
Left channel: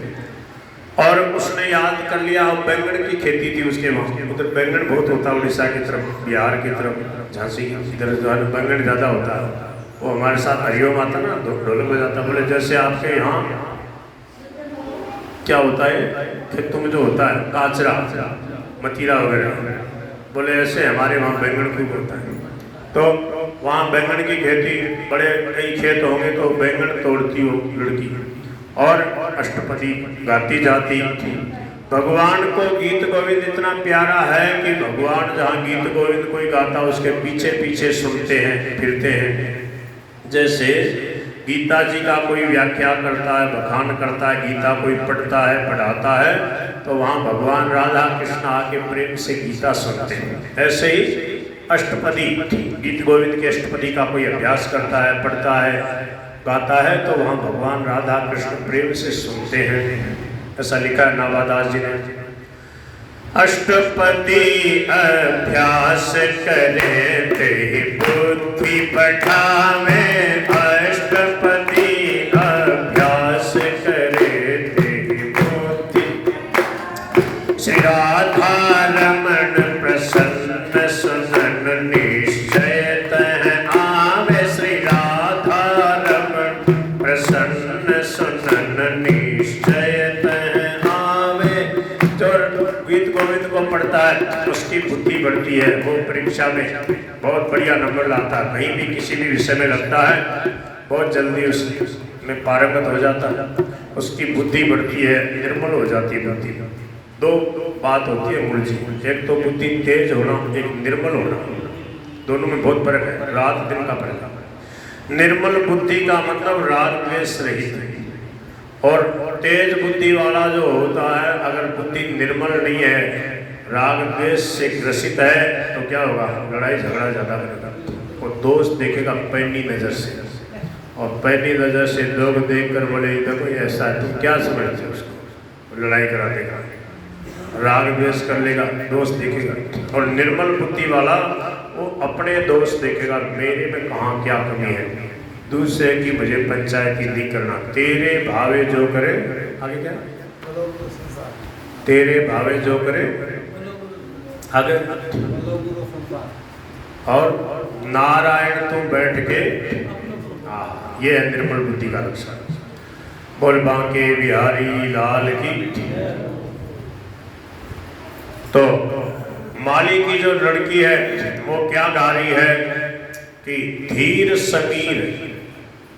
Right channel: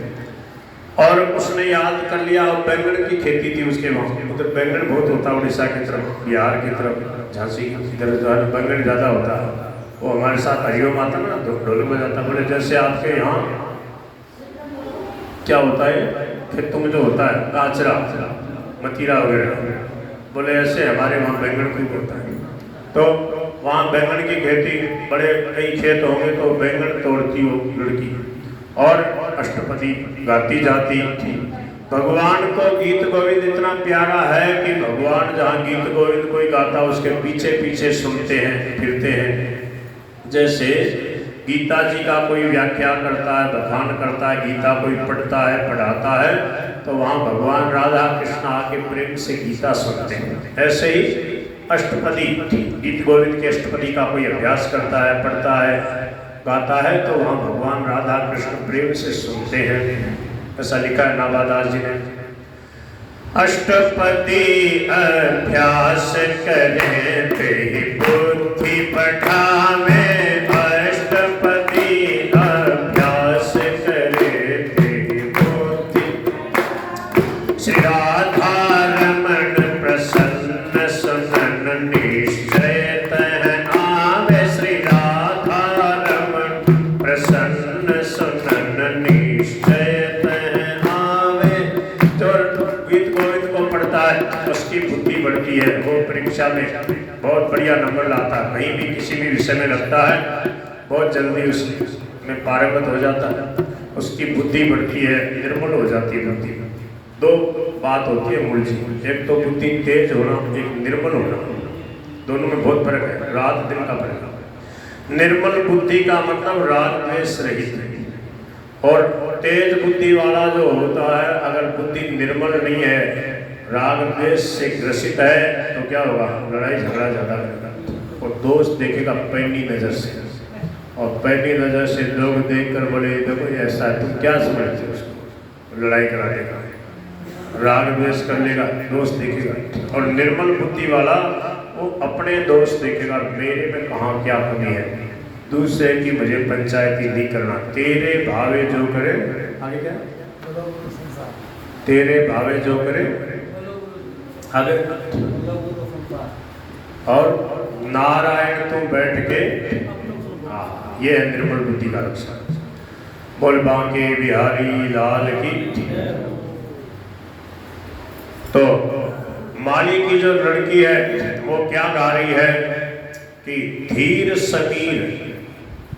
और उसने याद कर लिया। और बैंगन की खेती थी उसके वहाँ, उधर बैंगन बहुत होता है, उड़ीसा की तरफ, बिहार की तरफ, झांसी इधर जो है बैंगन ज़्यादा होता है। वो हमारे साथ हरिओम आता ना, ढोल में जाता। बोले जैसे आपके यहाँ क्या होता है खेतों में जो होता है काचरा मतीरा वगैरह, बोले ऐसे हमारे वहाँ बैंगन खूब होता है। तो वहाँ बैंगन की खेती, बड़े कई खेत होंगे तो बैंगन तोड़ती हो लड़की और अष्टपदी गाती जाती थी। भगवान को गीत गोविंद इतना प्यारा है कि भगवान जहाँ गीत गोविंद कोई गाता उसके पीछे पीछे सुनते हैं, फिरते हैं। जैसे गीता जी का कोई व्याख्या करता है, बखान करता है, गीता कोई पढ़ता है, पढ़ाता है, तो वहाँ भगवान राधा कृष्ण आके प्रेम से गीता सुनते हैं। ऐसे ही अष्टपदी, गीत गोविंद के अष्टपदी का कोई अभ्यास करता है, पढ़ता है, गाता है, तो वहाँ भगवान राधा कृष्ण प्रेम से सुनते हैं। ऐसा लिखा है नाभादास जी ने। अष्टपदी अभ्यास करें ते बुद्धि पठावे, अष्टपदी अभ्यास करें ते बुद्धि। श्री राधा रमण प्रसन्न सुमन निश्चय तह आवे, श्री राधा रमण प्रसन्न सुमन निश्चय तह आवे। जो गीत गोविंद को पढ़ता है उसकी बुद्धि बढ़ती है, वो परीक्षा में बहुत बढ़िया नंबर लाता है, कहीं भी किसी भी विषय में लगता है बहुत जल्दी उसमें पारंगत हो जाता है, उसकी बुद्धि बढ़ती है, निर्मल हो जाती है बुद्धि। दो बात होती है मूल जी, एक तो बुद्धि तेज होना, एक निर्मल होना, दोनों में बहुत फर्क है, रात दिन का फर्क है। निर्मल बुद्धि का मतलब राग द्वेष रहित, और तेज बुद्धि वाला जो होता है, अगर बुद्धि निर्मल नहीं है, राग द्वेष से ग्रसित है, तो क्या होगा, लड़ाई झगड़ा ज्यादा करेगा और दोस्त देखेगा पैनी नजर से, और पैनी नजर से लोग देखकर बोले देखो ऐसा है, तुम क्या समझते हो उसको, लड़ाई करा देगा, राग द्वेष कर लेगा, दोस्त देखेगा। और निर्मल बुद्धि वाला वो अपने दोस्त देखेगा, मेरे में कहाँ क्या कमी है, दूसरे की मुझे पंचायती नहीं करना। तेरे भावे जो करे, आगे क्या, तेरे भावे जो करे आगे, और नारायण तू बैठ के, ये है निर्मल बुद्धि का लक्षण। बोल बांके बिहारी लाल की। तो माली की जो लड़की है वो क्या गा रही है कि धीर समीर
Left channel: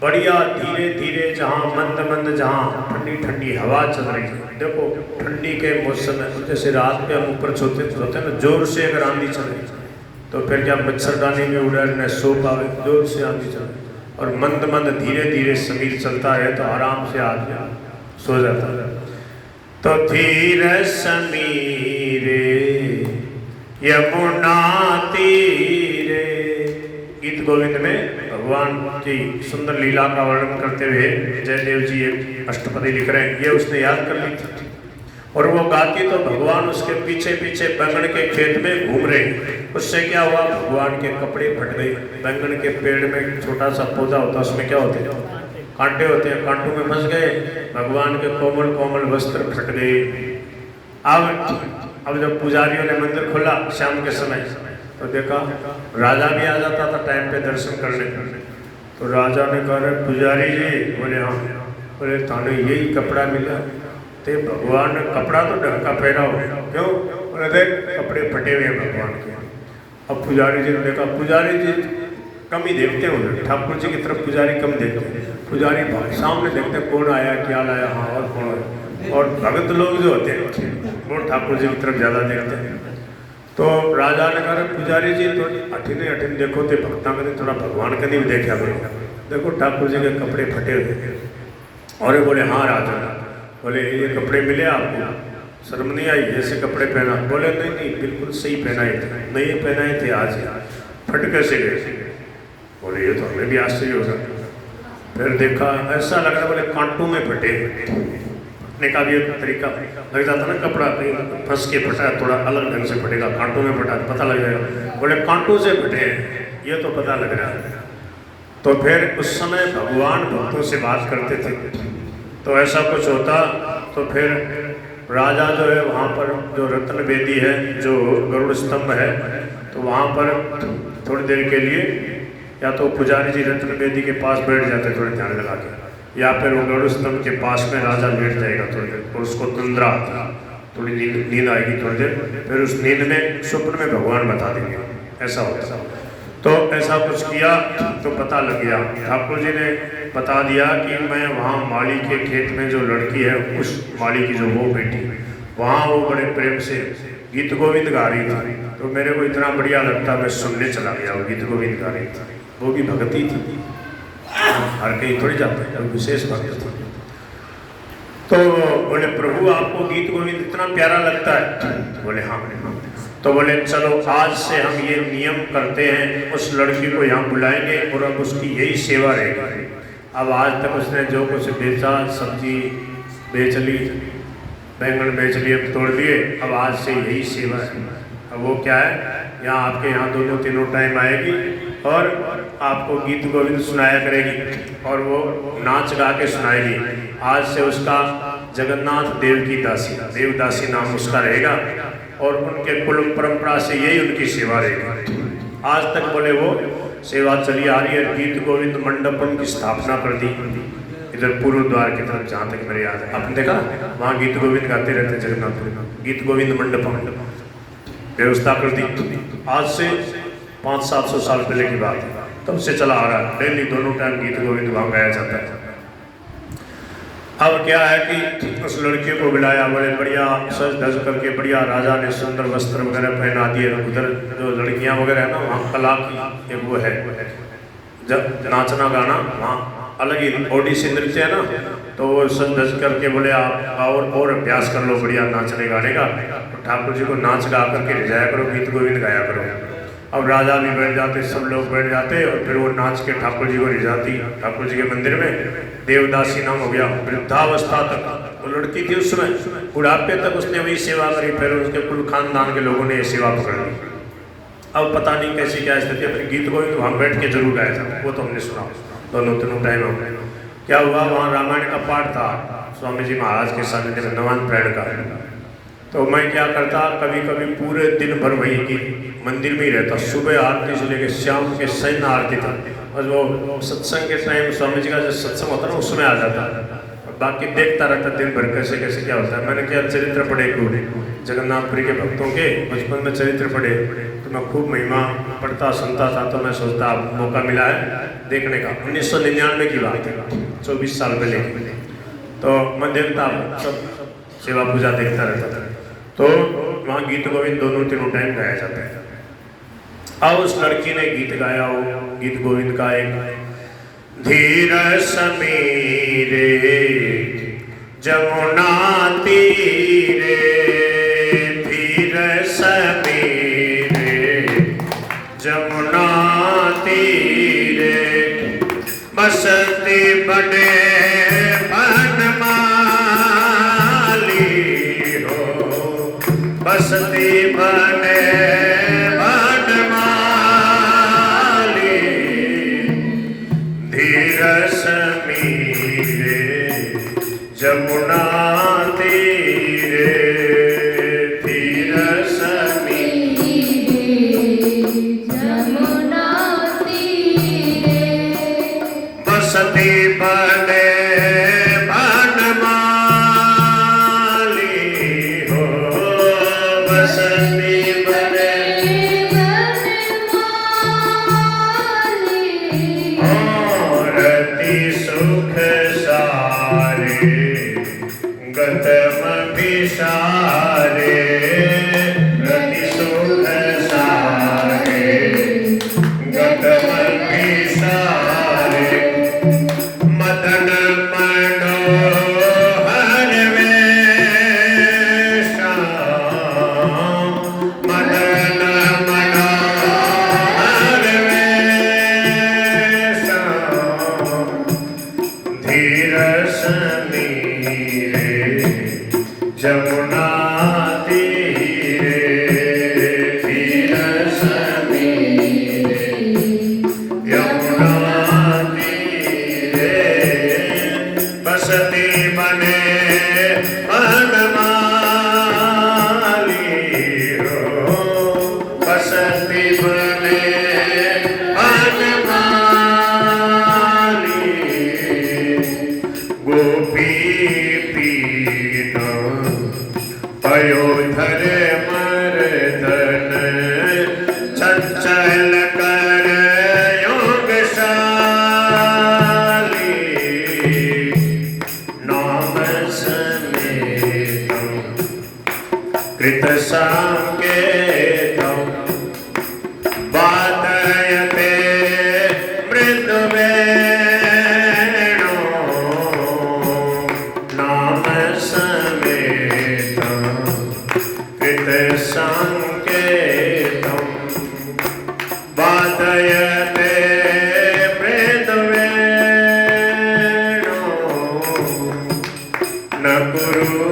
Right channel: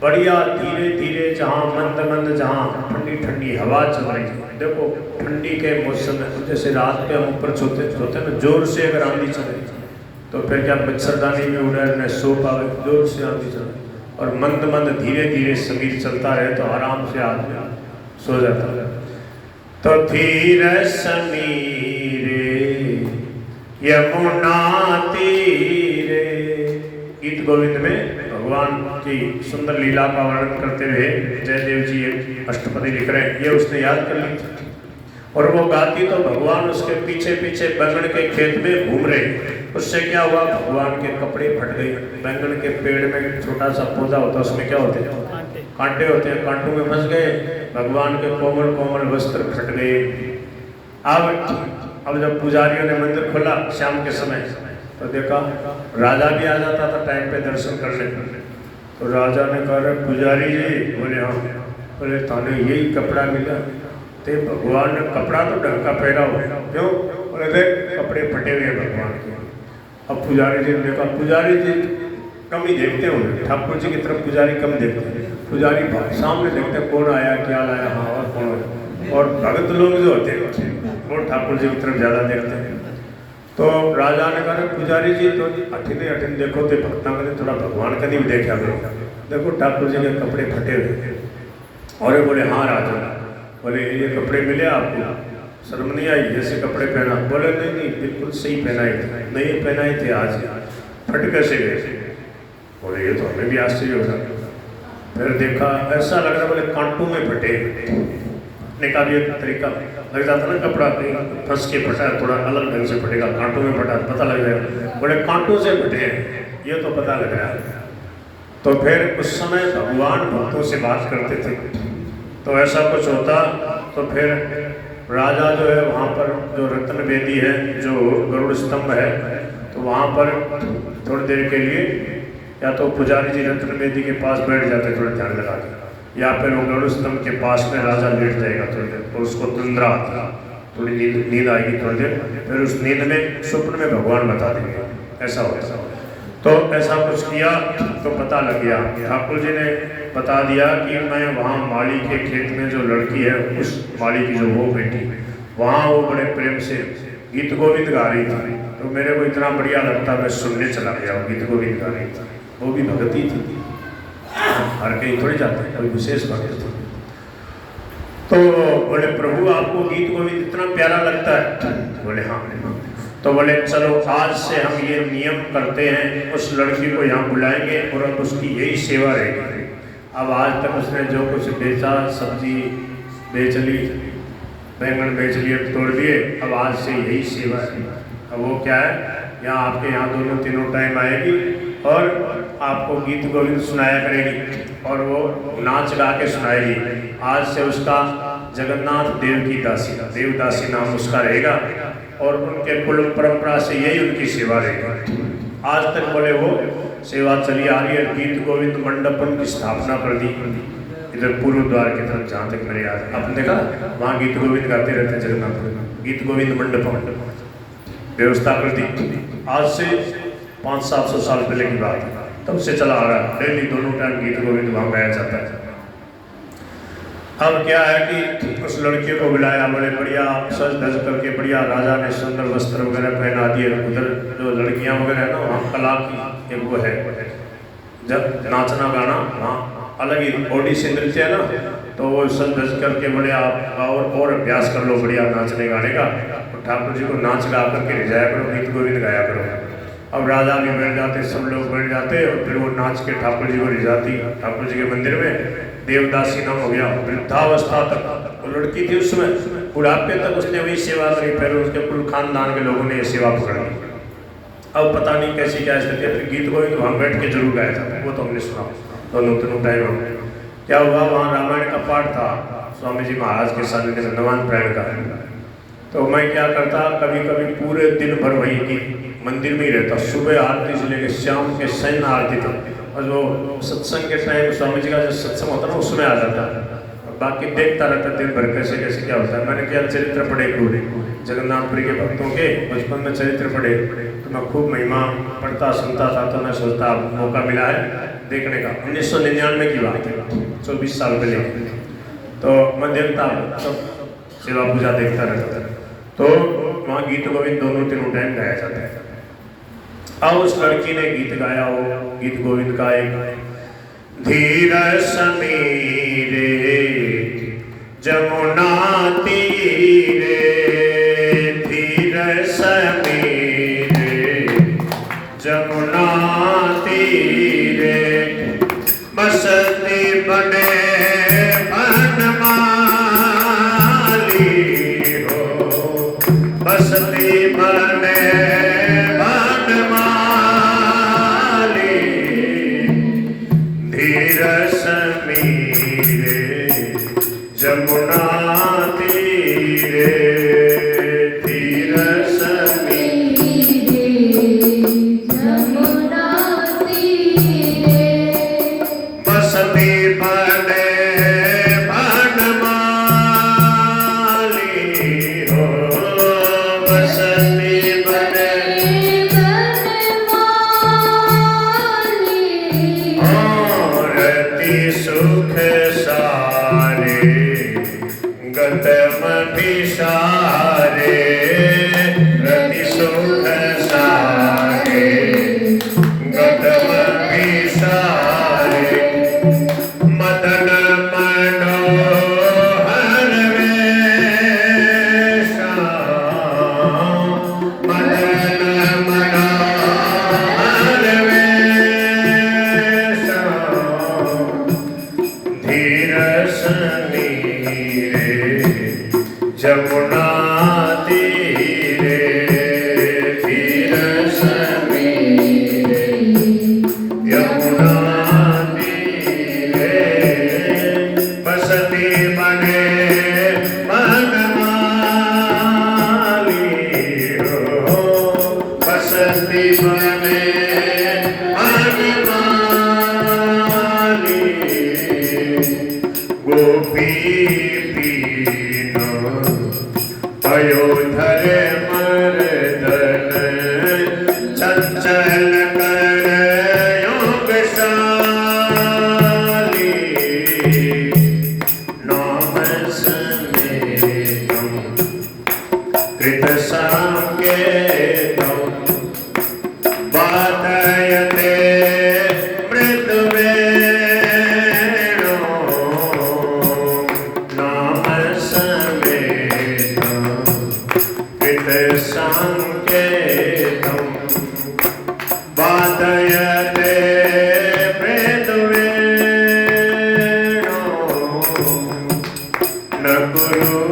बढ़िया, धीरे धीरे जहाँ मंद मंद, जहाँ ठंडी ठंडी हवा चल रही है। देखो ठंडी के मौसम में जैसे रात में हम ऊपर सोते हैं जोर से अगर आंधी चल रही तो फिर क्या मच्छरदानी में उड़ने सो पावे, जोर से आंधी चल, और मंद मंद धीरे धीरे समीर चलता है तो आराम से आदमी सो जाता है। तो धीर समीर यमुना तीरे, गीत गोविंद में भगवान की सुंदर लीला का वर्णन करते हुए जयदेव जी एक अष्टपदी लिख रहे हैं, ये उसने याद कर ली थी। और वो गाती तो भगवान उसके पीछे पीछे बैंगन के खेत में घूम रहे। उससे क्या हुआ, भगवान के कपड़े फट गए। बैंगन के पेड़ में छोटा सा पौधा होता है, उसमें क्या होते हैं, कांटे होते हैं, कांटों में फंस गए, भगवान के कोमल कोमल वस्त्र फट गए। अब जब पुजारियों ने मंदिर खोला शाम के समय, तो देखा राजा भी आ जाता था टाइम पे दर्शन करने। तो राजा ने कहा पुजारी जी, बोले हाँ, बोले थाने यही कपड़ा मिला, तो भगवान ने कपड़ा तो ढंग का पहना हो, क्यों, बोले देख कपड़े फटे हुए भगवान के। अब पुजारी जी ने देखा, पुजारी जी कम ही देखते होंगे, ठाकुर जी की तरफ पुजारी कम देखते हैं, पुजारी सामने देखते कौन आया क्या लाया, हाँ और कौन है, और भगत लोग जो होते हैं वो ठाकुर जी की तरफ ज़्यादा देखते हैं। तो राजा ने कहा पुजारी जी तो अठिने अठिन देखो तो भक्ता मैंने थोड़ा भगवान का नहीं देखा, देखो ठाकुर जी के कपड़े फटे हुए। और ये बोले हाँ राजा, बोले ये कपड़े मिले आपको, शर्म नहीं आई जैसे कपड़े पहना, बोले नहीं नहीं बिल्कुल सही पहनाए थे, नहीं पहनाए थे आज, फट कैसे गए, बोले ये तो हमें भी आश्चर्य हो सकता। फिर देखा ऐसा लगा, बोले कांटों में फटे, फटने का भी एक तरीका लग जाता ना, कपड़ा फंस के फटा है, थोड़ा अलग ढंग से फटेगा, कांटों में फटा पता लग जाएगा, बोले कांटों से फटे हैं ये तो पता लग रहा है। तो फिर उस समय भगवान भक्तों से बात करते थे, तो ऐसा कुछ होता तो फिर राजा जो है वहाँ पर जो रत्न वेदी है, जो गरुड़ स्तंभ है, तो वहाँ पर थोड़ी देर के लिए या तो पुजारी जी रत्न वेदी के पास बैठ जाते थोड़ा ध्यान लगा के, या फिर वो गरुड़ स्तंभ के पास में राजा लेट जाएगा थोड़ी देर, और उसको तंद्रा आती, थोड़ी नींद आएगी थोड़ी देर, फिर उस नींद में स्वप्न में भगवान बता देंगे, ऐसा होता। तो ऐसा कुछ किया तो पता लग गया, ठाकुर जी ने बता दिया कि मैं वहाँ माली के खेत में जो लड़की है, उस माली की जो वो बेटी, वहाँ वो बड़े प्रेम से गीत गोविंद गा रही थी, तो मेरे को इतना बढ़िया लगता मैं सुनने चला गया, वो गीत गोविंद गा रही थी, वो भी भगती थी, हर कहीं थोड़ी जाते हैं, कभी विशेष भक्त थी। तो बोले प्रभु आपको गीत गोविंद इतना प्यारा लगता है, बोले हाँ। तो बोले चलो आज से हम ये नियम करते हैं, उस लड़की को यहाँ बुलाएंगे और अब उसकी यही सेवा रहेगी। अब आज तक उसने जो कुछ बेचा, सब्जी बेच ली, बैंगन बेच लिए, तोड़ लिए, अब आज से यही सेवा है। अब वो क्या है, यहाँ आपके यहाँ दोनों तीनों टाइम आएगी और आपको गीत गोविंद सुनाया करेगी और वो नाच गा के सुनाएगी। आज से उसका जगन्नाथ देव की दासी, देवदासी नाम उसका रहेगा और उनके कुल परंपरा से यही उनकी सेवा रहेगी। आज तक बोले वो सेवा चली आ रही है। गीत गोविंद मंडपम की स्थापना कर दी इधर पूर्व द्वार की तरफ, जहाँ तक मेरे याद, आपने देखा वहाँ गीत गोविंद गाते रहते जगन्नाथ, गीत गोविंद मंडपम व्यवस्था कर दी। आज से 500-700 साल पहले की बात है, तब से चला आ रहा है। डेली दोनों टाइम गीत गोविंद वहाँ गाया जाता है। अब क्या है कि उस लड़के को बुलाया, बड़े बढ़िया सज धज करके, बढ़िया राजा ने सुंदर वस्त्र वगैरह पहना दिए। उधर जो लड़कियां वगैरह है ना, वहाँ कला की एक वो है, जब नाचना गाना वहाँ अलग ही ओडिसी नृत्य है ना, तो वो सज धज करके बढ़िया और अभ्यास कर लो बढ़िया नाचने गाने का। ठाकुर जी को नाच गा करके ले जाया करो, गीत गोविंद गाया करो। अब राजा भी बैठ जाते, सब लोग बैठ जाते और फिर वो नाच के ठाकुर जी को ले जाती ठाकुर जी के मंदिर में। देवदासी नाम हो गया। वृद्धावस्था तक वो लड़की थी, उस समय बुढ़ापे तक उसने वही सेवा करी। फिर उसके कुल खानदान के लोगों ने ये सेवा पकड़ ली। अब पता नहीं कैसी क्या स्थिति है, फिर गीत गोविंद वहाँ बैठ के जरूर गाया था, वो तो हमने सुना दोनों तीनों टाइम। क्या हुआ, वहाँ रामायण का पाठ था स्वामी जी महाराज के साथ नवान प्राण का। तो मैं क्या करता, कभी कभी पूरे दिन भर वही गीत मंदिर में ही रहता, सुबह आरती से लेकर शाम के सैन आरती तक। और जो सत्संग के टाइम स्वामी जी का जो सत्संग होता है ना, उसमें आ जाता। बाकी देखता रहता दिन भर कैसे कैसे क्या होता है। मैंने क्या चरित्र पढ़े पूरे जगन्नाथपुरी के भक्तों के, बचपन में चरित्र पढ़े, तो मैं खूब महिमा पढ़ता सुनता था। तो मैं सोचता मौका मिला है देखने का। 1999 की बात है, 24 साल पहले। तो मैं देखता सब सेवा पूजा देखता रहता था। तो वहाँ गीत गोविंद दोनों तीनों टाइम गाया जाता है। अब उस लड़की ने गीत गाया, वो गीत गोविंद का एक, धीर समीरे जमुना तीरे, धीर समीरे जमुना तीरे, बसती बने बसती बने बनमाली, धीर समीरे जमुना तीरे, धीर समीरे जमुना तीरे, बसती बने सुख सारे गतम भिसारे, रति सुख सारे गतम भिसारे, मदन मनोहर वेश, मदन मनोहर वेश, धीर समीरे जमुना तीरे, धीर समीरे यमुना तीरे, बसती बने बनमाली, बसती बने गोपी पीना पयोधर मर्दन, चंचल कर योगशाली, नाम समेतम कृत संकेतम, बाधयते मृदुवे संकेतम, बाधयते मृदुवेणो, न कुरु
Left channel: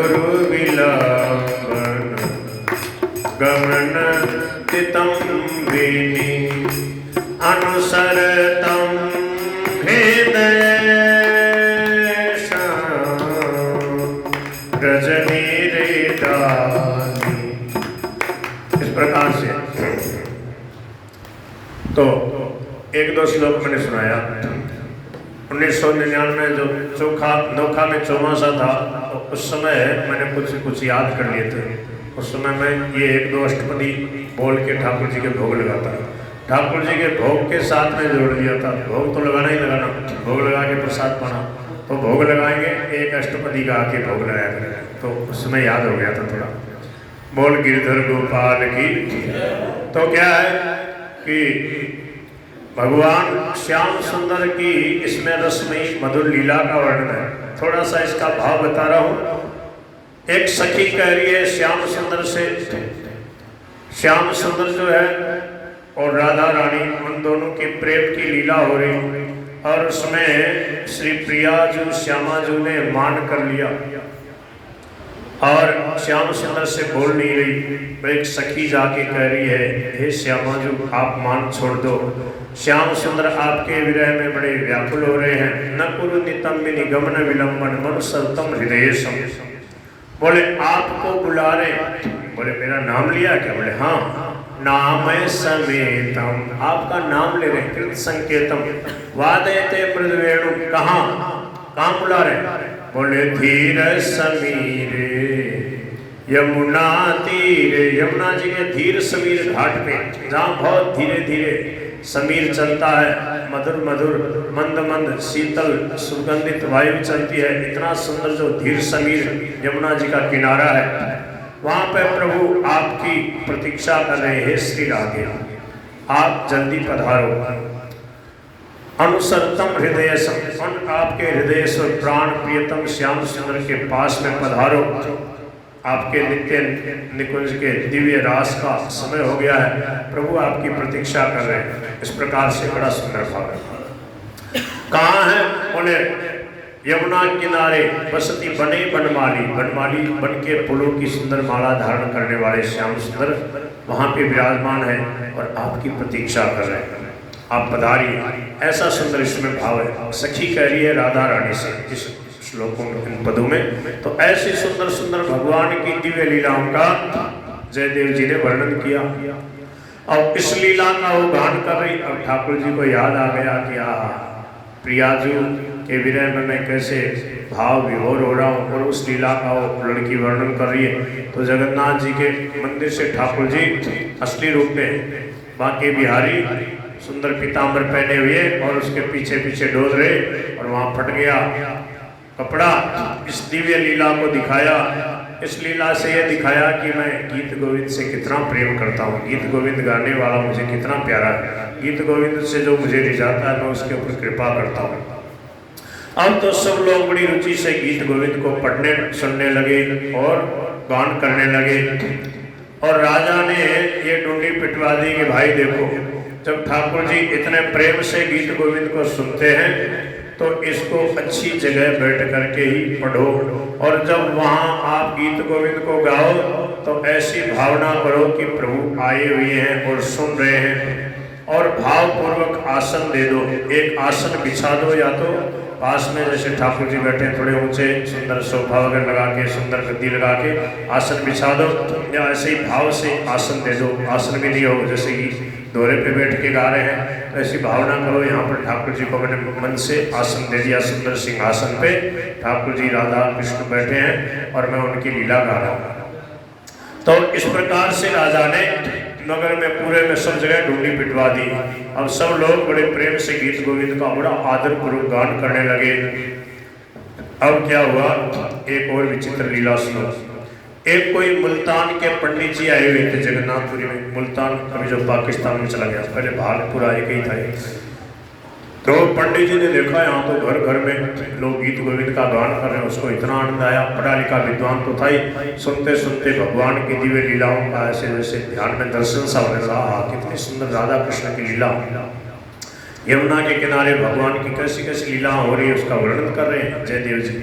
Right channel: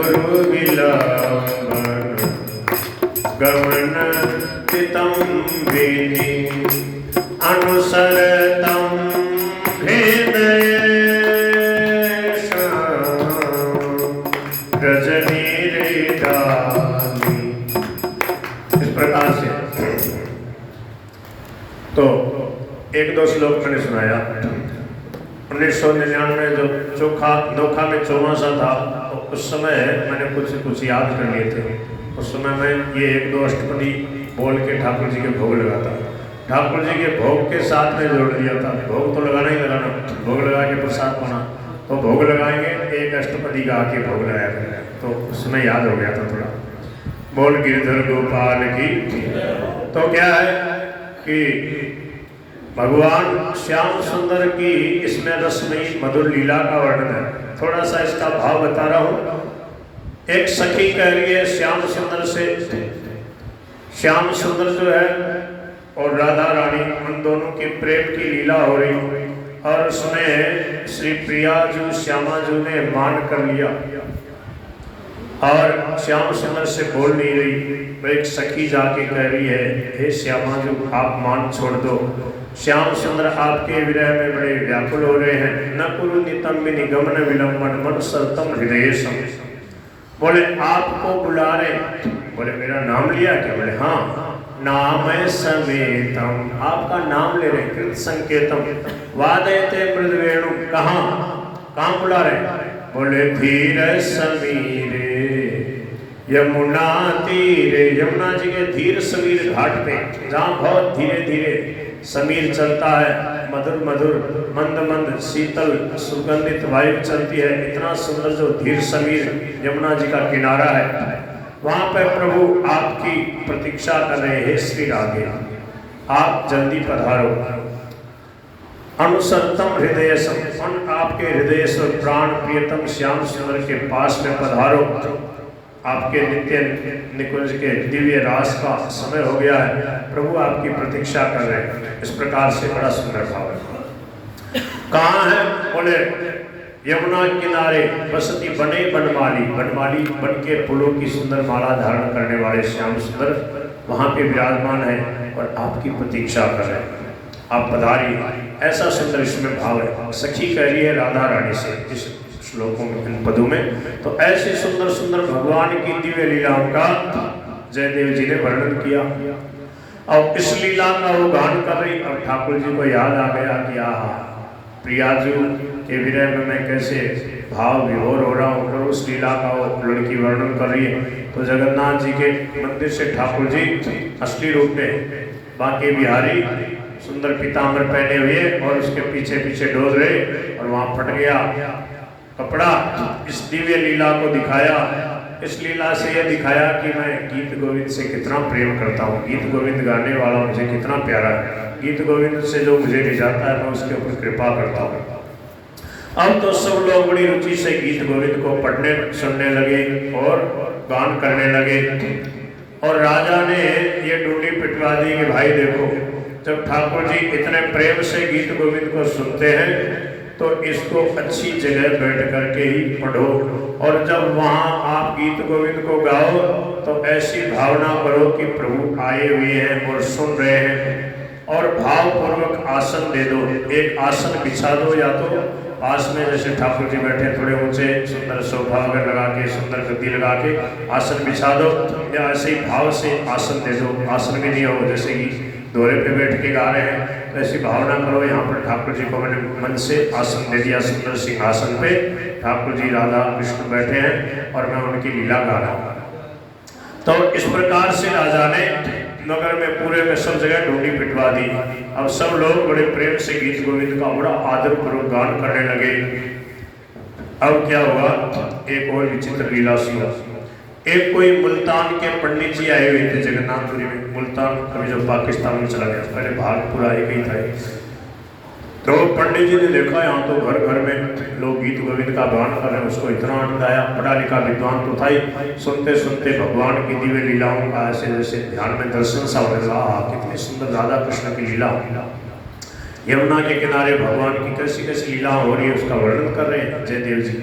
गुरु विलंबन गमन तितम वेनि अनुसरतम रजनी रेदानी। इस प्रकार से तो एक दो श्लोक मैंने सुनाया। 1999 जो नोखा में चौमासा था तो उस समय मैंने कुछ याद कर लिए थे। उस समय मैं ये एक दो अष्टपदी बोल के ठाकुर जी के भोग लगाता। ठाकुर जी के भोग के साथ में जोड़ दिया था। भोग तो लगाना ही लगाना, भोग लगा के प्रसाद पाना, तो भोग लगाएंगे एक अष्टपदी गा के भोग लगाया करेगा। तो उस समय याद हो गया था थोड़ा। बोल गिरधर गोपाल की। तो क्या है कि भगवान श्याम सुंदर की इसमें रसमयी मधुर लीला का वर्णन है। थोड़ा सा इसका भाव बता रहा हूँ। एक सखी कह रही है श्याम सुंदर से, श्याम सुंदर जो है और राधा रानी उन दोनों के प्रेम की लीला हो रही और उसमें श्री प्रिया जो श्यामा जो ने मान कर लिया और श्याम सुंदर से बोल नहीं रही। एक सखी जाके कह रही है हे श्यामा जो आप मान छोड़ दो, श्याम सुंदर आपके विरह में बड़े व्याकुल हो रहे हैं। न कुरु नितम निगमन विलंबन मन सरतम हृदय सम। बोले आपको बुला रहे। बोले मेरा नाम लिया क्या? बोले हाँ नाम समेतम, आपका नाम ले रहे। कृत संकेतम वादयते मृद वेणु। कहाँ बुला रहे? बोले धीर समीरे यमुना तीरे। यमुना जी के धीर समीर घाट पे जहाँ बहुत धीरे धीरे समीर चलता है, मधुर मधुर मंद मंद शीतल सुगंधित वायु चलती है। इतना सुंदर जो धीर समीर यमुना जी का किनारा है, वहाँ पे प्रभु आपकी प्रतीक्षा कर रहे हैं। श्री राधे आप जल्दी पधारो। अनुसरतम हृदय संपन्न, आपके हृदय से प्राण प्रियतम श्याम सुंदर के पास में पधारो। आपके नित्य निकुंज के दिव्य रास का समय हो गया है, प्रभु आपकी प्रतीक्षा कर रहे हैं। इस प्रकार से बड़ा सुंदर भाव है। कहाँ है? बोले यमुना किनारे बसती बने बनमाली। बनमाली बन के फूलों की सुंदर माला धारण करने वाले श्याम सुंदर वहाँ पे विराजमान है और आपकी प्रतीक्षा कर रहे हैं। आप पधारिए। ऐसा सुंदर इसमें भाव है। सखी कह रही है राधा रानी से इस श्लोकों में, इन पदों में। तो ऐसी सुंदर सुंदर भगवान की दिव्य लीलाओं का जयदेव जी ने वर्णन किया। और इस लीला का वो गान कर रही और ठाकुर जी को याद आ गया कि प्रियाजू के विरह में मैं कैसे भाव विभोर हो रहा हूँ और उस लीला का वो लड़की वर्णन कर रही है। तो जगन्नाथ जी के मंदिर से ठाकुर जी असली रूप में बांके बिहारी सुंदर पीताम्बर पहने हुए और उसके पीछे पीछे डोल रहे और वहाँ फट गया कपड़ा। इस दिव्य लीला को दिखाया। इस लीला से यह दिखाया कि मैं गीत गोविंद से कितना प्रेम करता हूँ। गीत गोविंद गाने वाला मुझे कितना प्यारा है। गीत गोविंद से जो मुझे ले जाता है मैं उसके ऊपर कृपा करता हूँ। अब तो सब लोग बड़ी रुचि से गीत गोविंद को पढ़ने सुनने लगे और गान करने लगे। और राजा ने ये डूंगी पिटवा दी कि भाई देखो, जब ठाकुर जी इतने प्रेम से गीत गोविंद को सुनते हैं तो इसको अच्छी जगह बैठ करके ही पढ़ो। और जब वहाँ आप गीत गोविंद को गाओ तो ऐसी भावना करो कि प्रभु आए हुए हैं और सुन रहे हैं। और भावपूर्वक आसन दे दो। एक आसन बिछा दो, या तो पास में जैसे ठाकुर जी बैठे थोड़े ऊंचे सुंदर सोफा वगैरह लगा के सुंदर गद्दी लगा के आसन बिछा दो, या ऐसे ही भाव से आसन दे दो। आसन भी नहीं हो जैसे कि दोहरे पे बैठ के गा रहे हैं, तो ऐसी भावना करो यहाँ पर ठाकुर जी को मैंने मन से आसन दे दिया। सुंदर सिंहासन पे ठाकुर जी राधा कृष्ण बैठे हैं और मैं उनकी लीला गा रहा हूँ। तो इस प्रकार से राजा ने नगर में पूरे में सब जगह डूंगी पिटवा दी। अब सब लोग बड़े प्रेम से गीत गोविंद का बड़ा आदर पूर्वक गान करने लगे। अब क्या हुआ, एक और विचित्र लीला सुनो। एक कोई मुल्तान के पंडित जी आए हुए थे जगन्नाथपुरी में। मुल्तान अभी जो पाकिस्तान में चला गया, पहले भारतपुर आए गई था। तो पंडित जी ने देखा यहाँ तो घर घर में लोग गीत गोविंद का गान कर रहे हैं। उसको इतना आनंद आया। पढ़ा लिखा विद्वान तो था ही, सुनते सुनते भगवान की दिव्य लीलाओं का ऐसे वैसे ध्यान में दर्शन सा होने लगा। कितनी सुंदर राधा कृष्ण की लीला, यमुना के किनारे भगवान की कैसी कैसी लीला हो रही है उसका वर्णन कर रहे हैं जयदेव जी।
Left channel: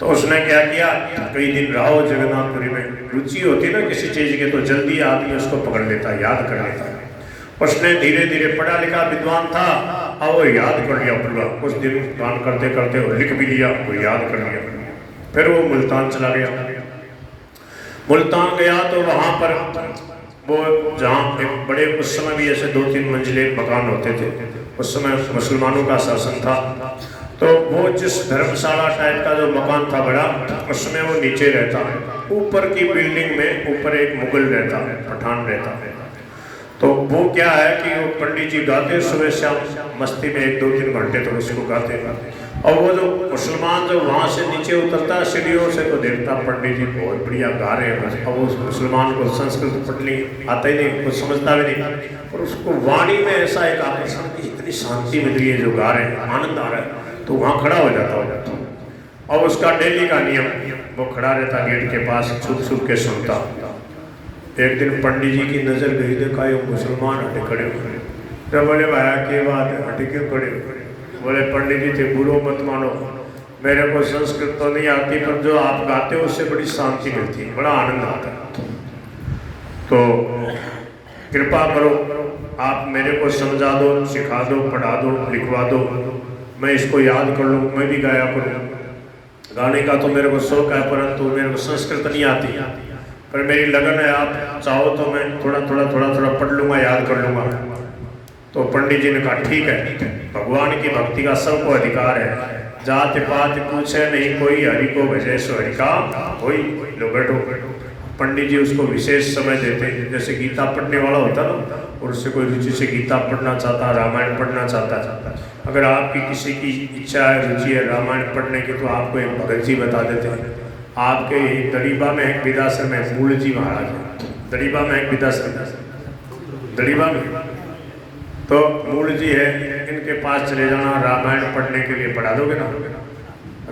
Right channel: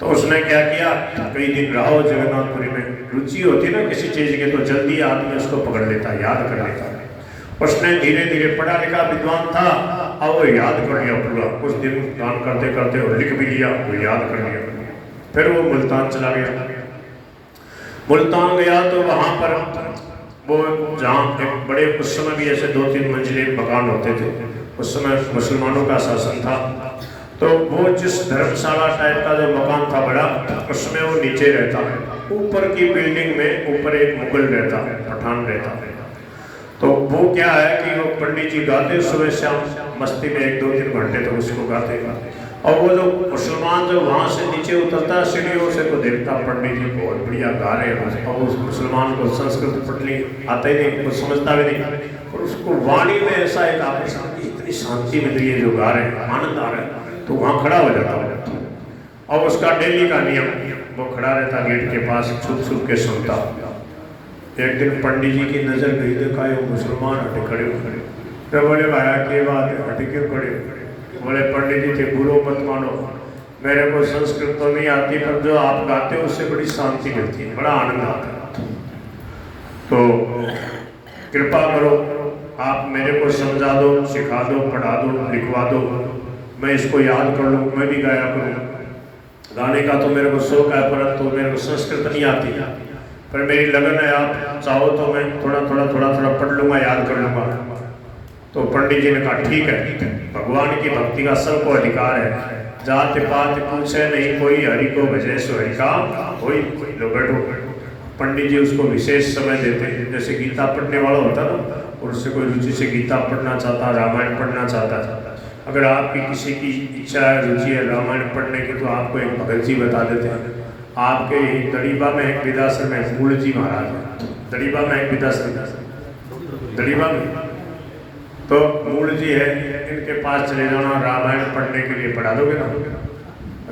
तो उसने क्या किया, कई दिन रहो जगन्नाथपुरी में, रुचि होती ना किसी चीज़ की तो जल्दी आदमी उसको पकड़ लेता, याद कर लेता। उसने धीरे धीरे, पढ़ा लिखा विद्वान था, अब वो याद कर लिया पूरा, कुछ दिन काम करते करते वो लिख भी लिया, वो याद कर लिया। फिर वो मुल्तान चला गया। मुल्तान गया तो वहाँ पर वो जहाँ एक बड़े, उस समय भी ऐसे 2-3 मंजिले मकान होते थे, उस समय मुसलमानों का शासन था। तो वो जिस धर्मशाला टाइप का जो मकान था बड़ा, उसमें वो नीचे रहता है, ऊपर की बिल्डिंग में ऊपर एक मुगल रहता है, पठान रहता है। तो वो क्या है कि वो पंडित जी गाते सुबह शाम मस्ती में 1-2-3 घंटे तक उसको गाते। और वो जो मुसलमान जो वहाँ से नीचे उतरता है सीढ़ियों से, तो देखता पंडित जी बहुत बढ़िया गा रहे हैं। अब उस मुसलमान को संस्कृत पढ़नी आता ही नहीं, कुछ समझता भी नहीं, और उसको वाणी में ऐसा एक आकर्षण, इतनी शांति मिल रही है, जो गा रहे हैं आनंद आ रहा है, तो वहाँ खड़ा हो जाता। और उसका डेली का नियम, वो खड़ा रहता गेट के पास, छुप छुप के सुनता। एक दिन पंडित जी की नज़र गई, देखा ये मुसलमान हटे खड़े। तो बोले भाया के बात है, हटे क्यों खड़े? बोले पंडित जी थे, बुरो मत मानो, मेरे को संस्कृत तो नहीं आती, पर जो आप गाते हो उससे बड़ी शांति मिलती है, बड़ा आनंद आता है। तो कृपा करो, आप मेरे को समझा दो, सिखा दो, पढ़ा दो, लिखवा दो, मैं इसको याद कर लूँ, मैं भी गाया करूँ। गाने का तो मेरे को शौक है, परंतु मेरे को संस्कृत नहीं आती, पर मेरी लगन है, आप चाहो तो मैं थोड़ा थोड़ा पढ़ लूँगा, याद कर लूँगा। तो पंडित जी ने कहा ठीक है, भगवान की भक्ति का सबको अधिकार है, जात पात पूछे नहीं कोई, हरि को भजे सो हरि का कोई। लो बैठो। पंडित जी उसको विशेष समय देते, जैसे गीता पढ़ने वाला होता ना, और उससे कोई रुचि से गीता पढ़ना चाहता, रामायण पढ़ना चाहता था, अगर आपकी किसी की इच्छा है, रुचि है रामायण पढ़ने की, तो आपको एक भगत जी बता देते हैं। आपके दड़ीबा में एक विदासन है, मूल जी महाराज, दड़ीबा में एक विदासन, दड़ीबा में तो मूल जी है, इनके पास चले जाना, रामायण पढ़ने के लिए पढ़ा दोगे ना,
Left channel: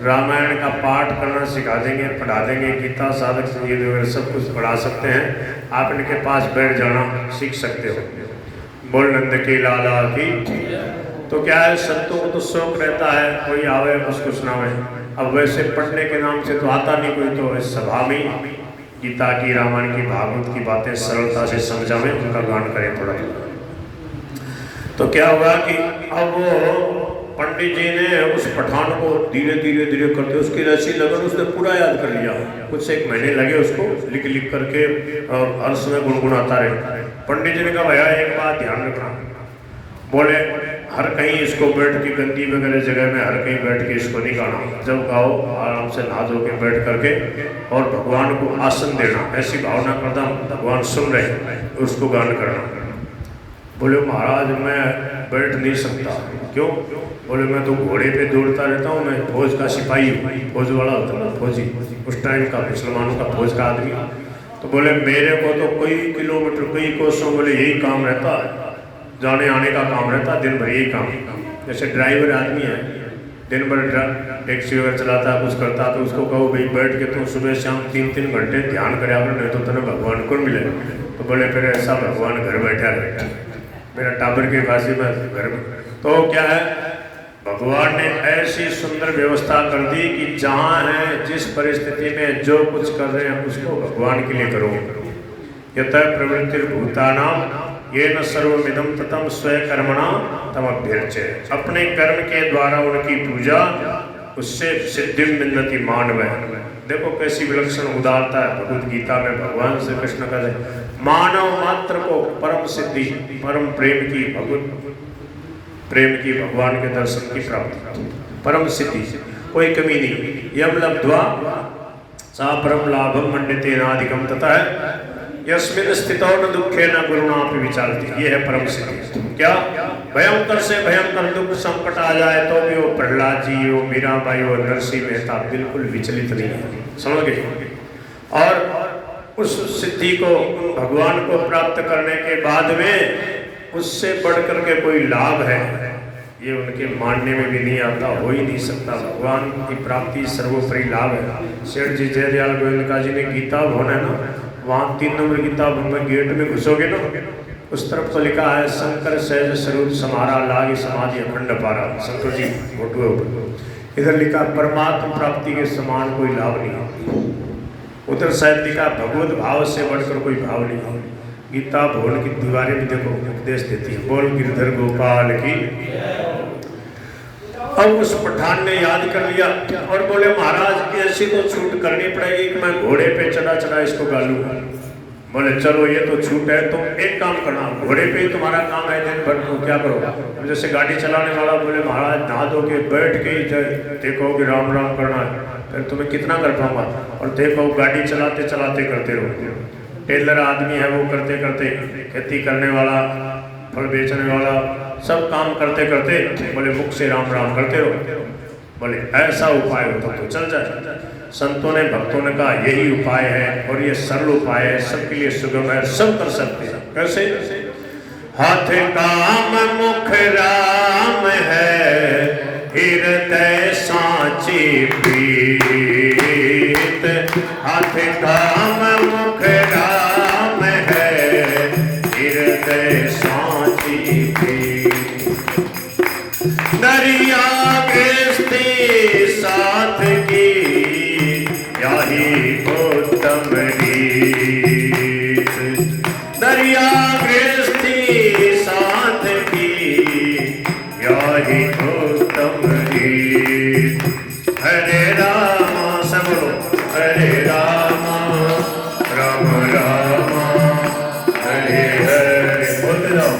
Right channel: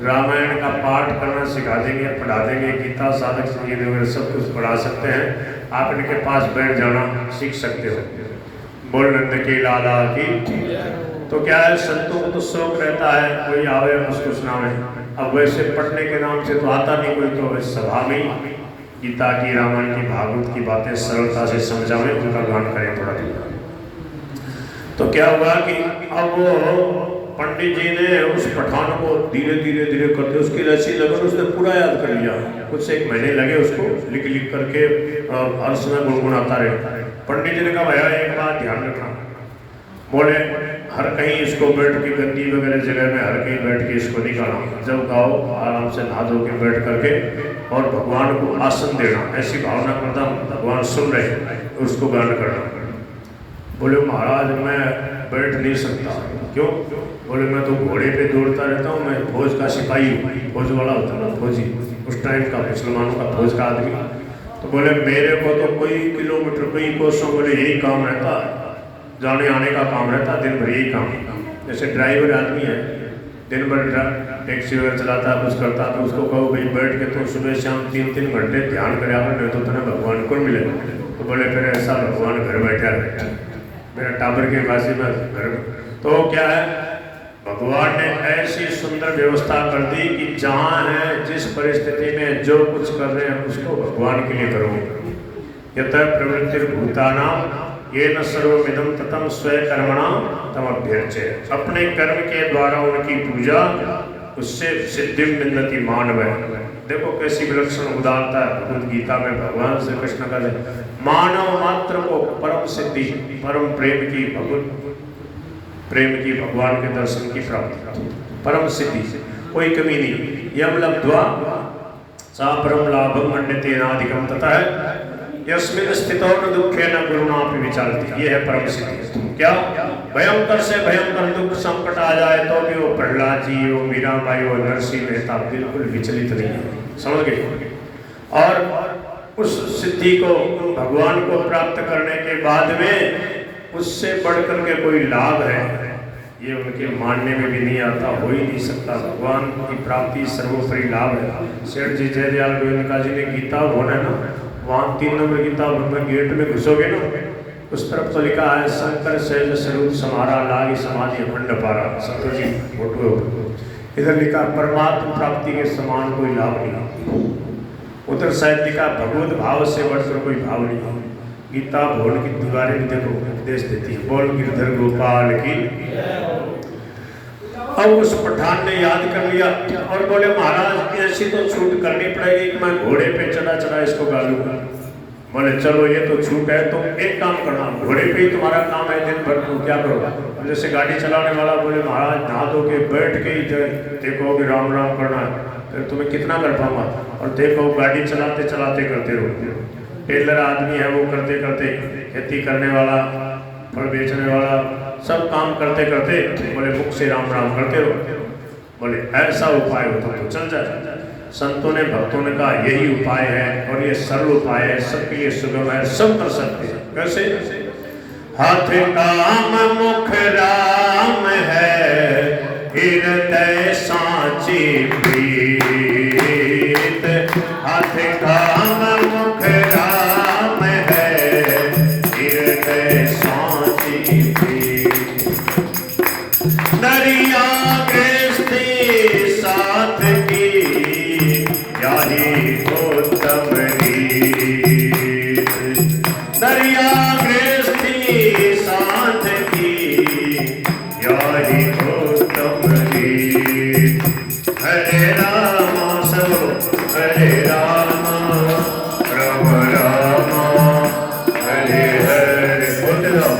रामायण का पाठ करना सिखा देंगे, पढ़ा देंगे, गीता साधक संगीत वगैरह सब कुछ पढ़ा सकते हैं। आप इनके पास बैठ जाना, सीख सकते हो। बोल नंद के लाला की। तो क्या है, संतों को तो शौक रहता है, कोई आवे उसको सुनावे। अब वैसे पढ़ने के नाम से तो आता नहीं कोई, तो इस सभा में गीता की, रामायण की, भागवत की बातें सरलता से समझावें, उनका गान करें थोड़ा थोड़ा। तो क्या हुआ कि अब वो पंडित जी ने उस पठान को धीरे धीरे करके, उसकी रसी लगन उसने पूरा याद कर लिया। कुछ 1 महीने लगे उसको लिख लिख करके, और हर समय गुनगुनाता रहे। पंडित जी ने कहा भैया एक बात ध्यान रखना, बोले हर कहीं इसको बैठ के, गंदी वगैरह जगह में हर कहीं बैठ के इसको नहीं गाना, जब गाओ आराम से नहा धो के बैठ करके, और भगवान को आसन देना, ऐसी भावना करना भगवान सुन रहे, उसको गान करना। बोले महाराज मैं बैठ नहीं सकता। क्यों? बोले मैं तो घोड़े पे दौड़ता रहता हूँ, मैं फौज का सिपाही, फौज वाला होता ना फौजी, उस टाइम का मुसलमानों का फौज का आदमी। तो बोले मेरे को तो कई किलोमीटर, कई कोसों, बोले यही काम रहता है, जाने आने का काम रहता, दिन भर यही काम। जैसे ड्राइवर आदमी है, दिन भर टैक्सी वगैरह चलाता, कुछ करता, तो उसको कहो भाई बैठ के तुम सुबह शाम 3-3 घंटे ध्यान करे, नहीं तो तेना भगवान को मिले। तो बोले फिर ऐसा भगवान घर बैठा रहे, मेरा टाबर के फांसी में घर में। तो क्या है, भगवान ने ऐसी सुंदर व्यवस्था कर दी कि जहाँ है, जिस परिस्थिति में जो कुछ कर रहे हैं उसको भगवान के लिए करो। यत प्रवृत्ति भूतानाम ये न सर्वमिदं ततम स्वकर्मणा तमभ्यर्चे। अपने कर्म के द्वारा उनकी पूजा, उससे सिद्धि मिन्नति मानव। देखो कैसी विलक्षण उदारता है भगवद गीता में। भगवान श्री कृष्ण का मानव मात्र को परम सिद्धि, परम प्रेम की, प्रेम की, भगवान के दर्शन की प्राप्ति, परम सिद्धि, कोई कमी नहीं। यम लब्ध्वा सा परम लाभम मंडिते नाधिकम तथा यस्मिन् स्थितो न दुखे न गुरुणापि विचारति। ये है परम सिद्धि। क्या? भयंकर से भयंकर दुख संकट आ जाए तो भी वो प्रहलाद जी, वो मीराबाई, वो नरसिंह मेहता बिल्कुल विचलित नहीं है। समझ गए? और उस सिद्धि को, भगवान को प्राप्त करने के बाद में उससे बढ़कर के कोई लाभ है, ये उनके मानने में भी नहीं आता, हो ही नहीं सकता। भगवान की प्राप्ति सर्वोपरि लाभ है। सेठ जी जयदयाल गोयनका जी ने गीता भवन है ना, वहाँ 3 नंबर गीता भवन में गेट में घुसोगे ना, उस तरफ तो लिखा है शंकर सहज स्वरूप समारा लागी समाधि अखंड पारा। संतो जी फोटो इधर लिखा परमात्मा प्राप्ति के समान कोई लाभ नहीं, उधर शायद लिखा भगवत भाव से बढ़कर कोई भाव नहीं। गीता बोल की दीवारें भी देखो उपदेश देती है, बोल गिरधर गोपाल की। अब उस पठान ने याद कर लिया और बोले महाराज ऐसी तो छूट करनी पड़ेगी कि मैं घोड़े पे चढ़ा चढ़ा इसको गालूंगा। बोले चलो ये तो छूट है, तुम एक काम करना, घोड़े पे ही तुम्हारा काम है, दिन भर तुम क्या करो। जैसे गाड़ी चलाने वाला बोले महाराज नहा धो के बैठ के ही देखो कि राम राम करना है, फिर तुम्हें कितना कर पाऊंगा। और देखो गाड़ी चलाते चलाते करते रहो। टेलर आदमी है वो करते करते, खेती करने वाला, फल बेचने वाला, सब काम करते करते बोले मुख से राम राम करते रहो। बोले ऐसा उपाय हो तो चल जाए। संतों ने भक्तों ने कहा यही उपाय है और ये सरल उपाय है, सबके लिए सुगम है, सब कर सकते हैं। कैसे? हाथ काम मुख राम है, हृदय सांची प्रीत। हाथ काम मुख राम है, हृदय सांची प्रीत। दरिया गृहस्थी साथ की, यही उत्तम गीत। दरिया गृहस्थी साथ की, यही उत्तम गीत। हरे रामा सब हरे रामा, राम रामा हरे हरे। बोलते जाओ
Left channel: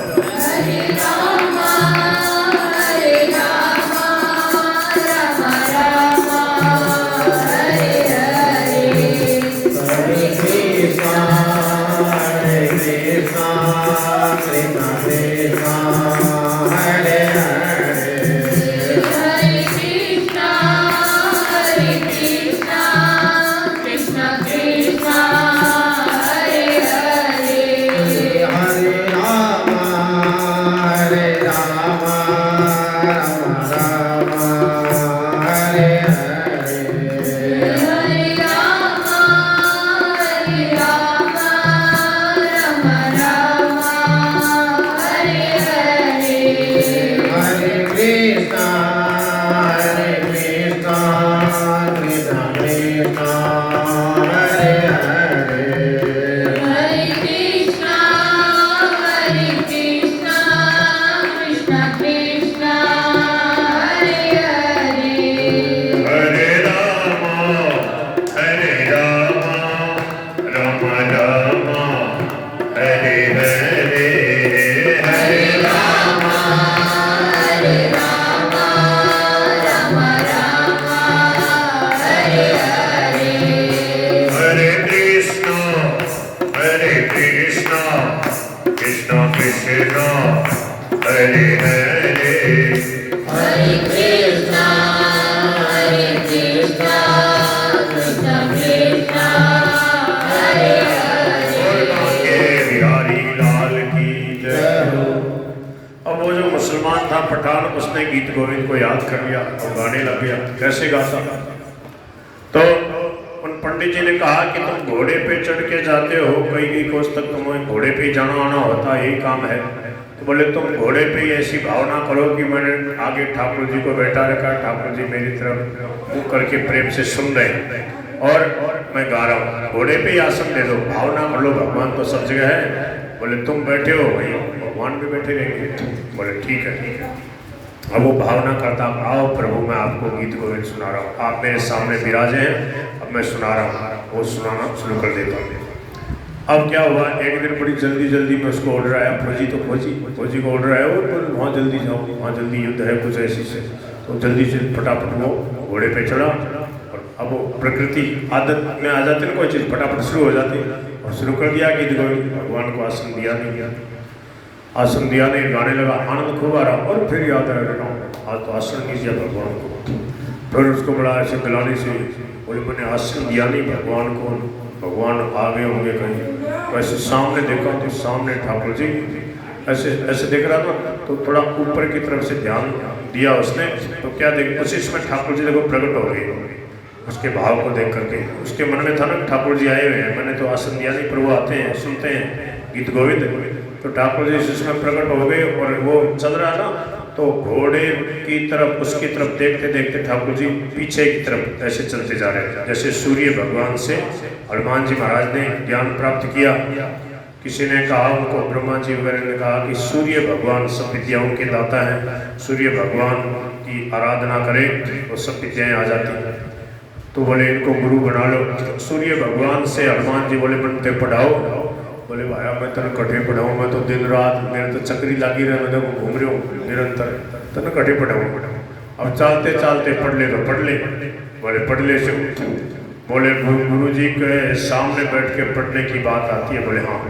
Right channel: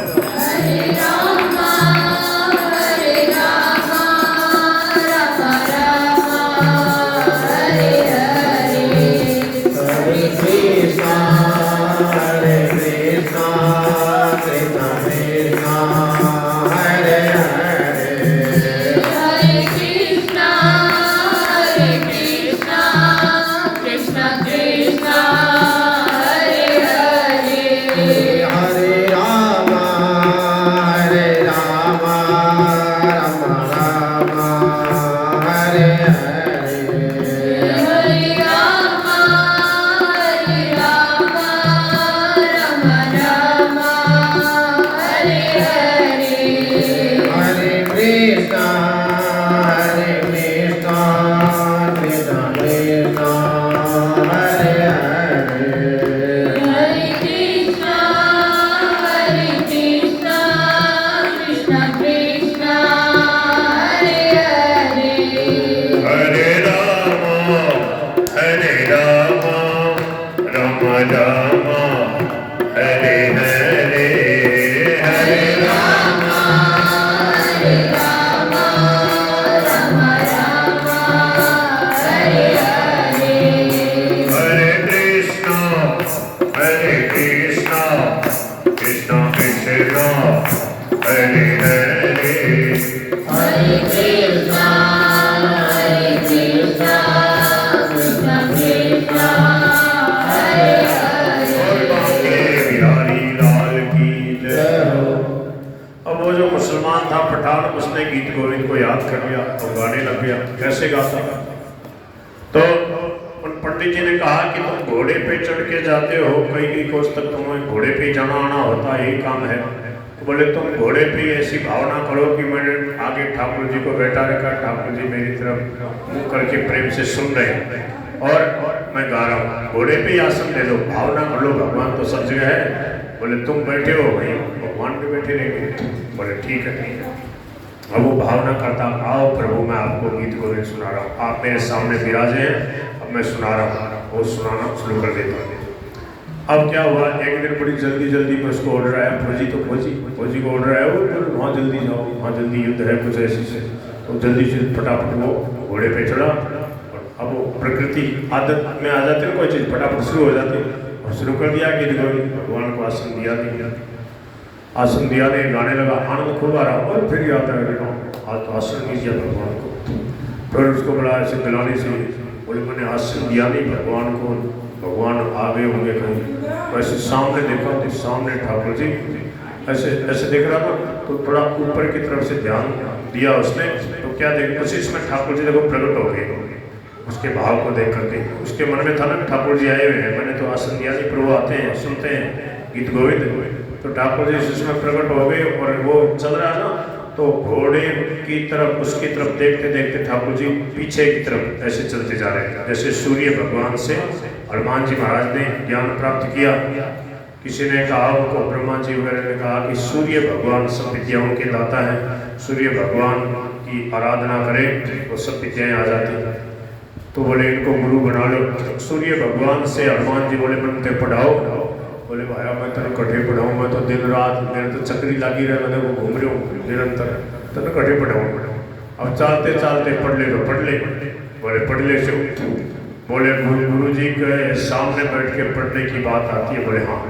पठान, उसने गीत गोविंद को याद कर लिया और गाने लग गया। कैसे गाता था? तो उन पंडित जी ने कहा कि तुम घोड़े पे चढ़ के जाते हो, कई कोस तक तुम्हें घोड़े पे जाना आना होता है, यही काम है। तो बोले तुम घोड़े पे ऐसी भावना करो कि मैंने आगे ठाकुर जी को बैठा रखा, ठाकुर जी मेरी तरफ मुँह करके प्रेम से सुन रहे और मैं गा रहा हूँ। घोड़े पे आसन ले लो, भावना कर लो, भगवान तो सब जगह है। बोले तुम बैठे हो, भगवान भी बैठे रहेंगे। बोले ठीक है। अब वो भावना करता, आओ प्रभु मैं आपको गीत गोविंद सुना रहा हूँ, आप मेरे सामने विराजे हैं, अब मैं सुना रहा हूँ। वो सुनाना शुरू कर देता हूँ। अब क्या हुआ, एक दिन बड़ी जल्दी जल्दी में उसको ऑर्डर आया, फौजी को ऑर्डर आया, वो वहाँ जल्दी जाओ, वहाँ जल्दी युद्ध है कुछ ऐसी से। तो जल्दी से फटाफट वो घोड़े पे चढ़ा। अब वो प्रकृति आदत में आ जाती है, कोई चीज़ फटाफट शुरू हो जाती है और शुरू कर दिया गीत गोविंद। भगवान को आसन दिया नहीं, आसन दिया नहीं, गाने लगा, आनंद खूब आ रहा। और फिर याद आ रहा आज तो आसन नहीं दिया भगवान को। फिर उसको बड़ा ऐसे गलाने से कोई मैंने आसन दिया नहीं भगवान को, भगवान आगे होंगे कहीं। वैसे सामने देखा तो सामने ठाकुर जी ऐसे ऐसे देख रहा था, तो थोड़ा ऊपर की तरफ से ध्यान दिया उसने। तो क्या देख, उसी इसमें ठाकुर जी देखो प्रकट हो गए उसके भाव को देख करके। उसके मन में था ना ठाकुर जी आए हुए हैं, मैंने तो आसन दिया नहीं, पर वो आते हैं सुनते हैं गीत गोविंद। तो ठाकुर जी इसमें प्रकट हो गए और वो चल रहा था तो घोड़े की तरफ उसकी तरफ देखते देखते ठाकुर जी पीछे की तरफ ऐसे चलते जा रहे थे। जैसे सूर्य भगवान से हनुमान जी महाराज ने ज्ञान प्राप्त किया। किसी ने कहा उनको, ब्रह्मा जी वगैरह ने कहा कि सूर्य भगवान सब विद्याओं के दाता है, सूर्य भगवान की आराधना करें वो सब विद्याएं आ जाती हैं। तो बोले इनको गुरु बना लो। सूर्य भगवान से हनुमान जी बोले मन ते पढ़ाओ। बोले भाया मैं तेन कटे पढ़ाऊँ, मैं तो दिन रात मेरे तो चक्री लगी रहे, मैं तो घूम रहा हूँ निरंतर, तेन कटे पढ़ाऊँ। अब चालते चालते पढ़ ले तो पढ़ ले। बोले पढ़ ले से बोले गुरु जी के सामने बैठ के पढ़ने की बात आती है। बोले हाँ।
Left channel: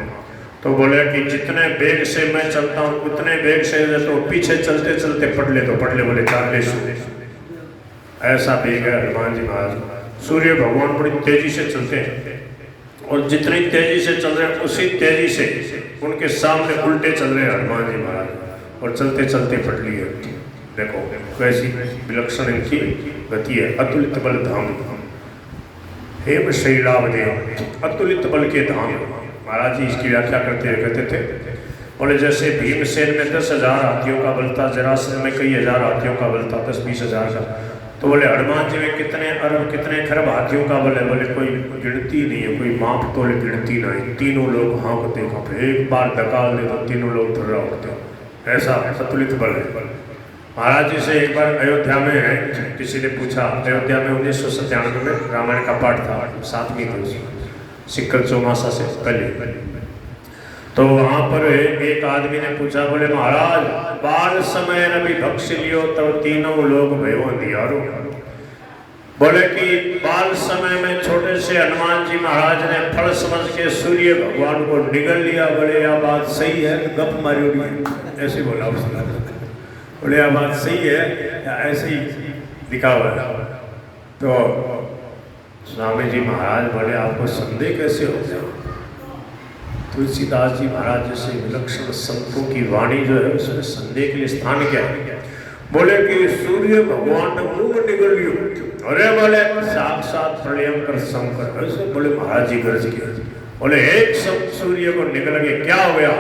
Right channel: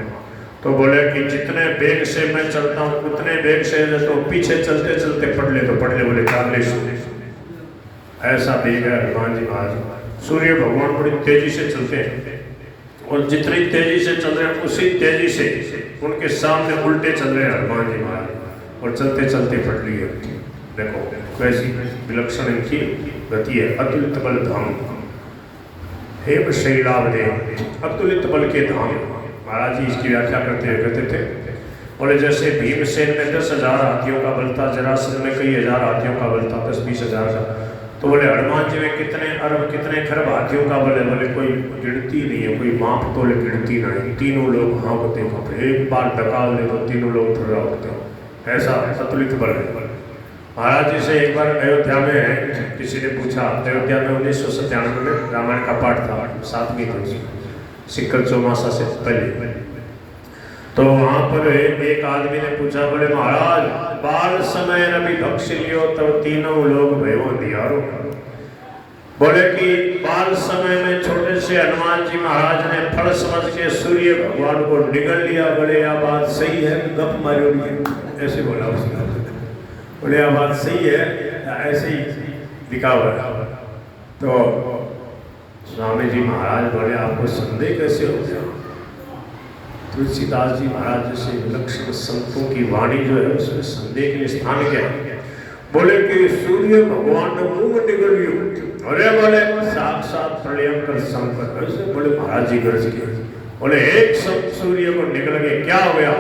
तो बोले कि जितने वेग से मैं चलता हूँ उतने वेग से तो पीछे चलते चलते पढ़ ले तो पढ़ ले। बोले चाले सूर्य ऐसा वेग है हनुमान जी महाराज। सूर्य भगवान बड़ी तेजी से चलते हैं और जितनी तेजी से चल रहे हैं उसी तेजी से उनके सामने उल्टे चल रहे हैं हनुमान जी महाराज और चलते चलते पढ़ लिए। देखो कैसी विलक्षण इनकी गति है। अतुलित बल धाम हेम शैलाभ देव, अतुलित बल के धाम। महाराज जी इसकी व्याख्या करते हुए कहते थे, बोले जैसे भीमसेन में 10,000 हाथियों का बल था, जरासंध में कई हजार हाथियों का बल था, 10-20 हजार का। तो बोले हनुमान जी में कितने अरब कितने खरब हाथियों का बल है। बोले कोई गिनती नहीं है, कोई माप तो गिनती नहीं। तीनों लोग हाँकते कांपते, एक बार डकाल दे तो तीनों लोग थर्रा होते। ऐसा अतुलित बल है। महाराज जी से एक बार अयोध्या में है, किसी ने पूछा, अयोध्या में 1997 में रामायण का पाठ था, 7वीं थी सिक्कल चौमासा से पहले। तो वहाँ पर एक आदमी ने पूछा, बोले महाराज बाल समय रवि भक्ष लियो तो तीनों लोग भयो दियारो। बोले कि बाल समय में छोटे से हनुमान जी महाराज ने फल समझ के सूर्य भगवान को निगल लिया। बोले यह बात सही है, गप मारी हुई ऐसे बोला उसने। बोले यह बात सही है, ऐसे ही लिखा हुआ है। तो स्वामी जी महाराज बोले आपको संदेह कैसे हो गया। तुलसीदास जी महाराज जैसे विलक्षण संतों की वाणी जो है उसमें संदेह के लिए स्थान क्या है। बोले कि सूर्य भगवान ने मुंह निगल लियो। अरे बोले साक्षात प्रलयंकर संकट ऐसे बोले महाराज जी गर्ज के। बोले एक सूर्य को निगल गया, क्या हो गया,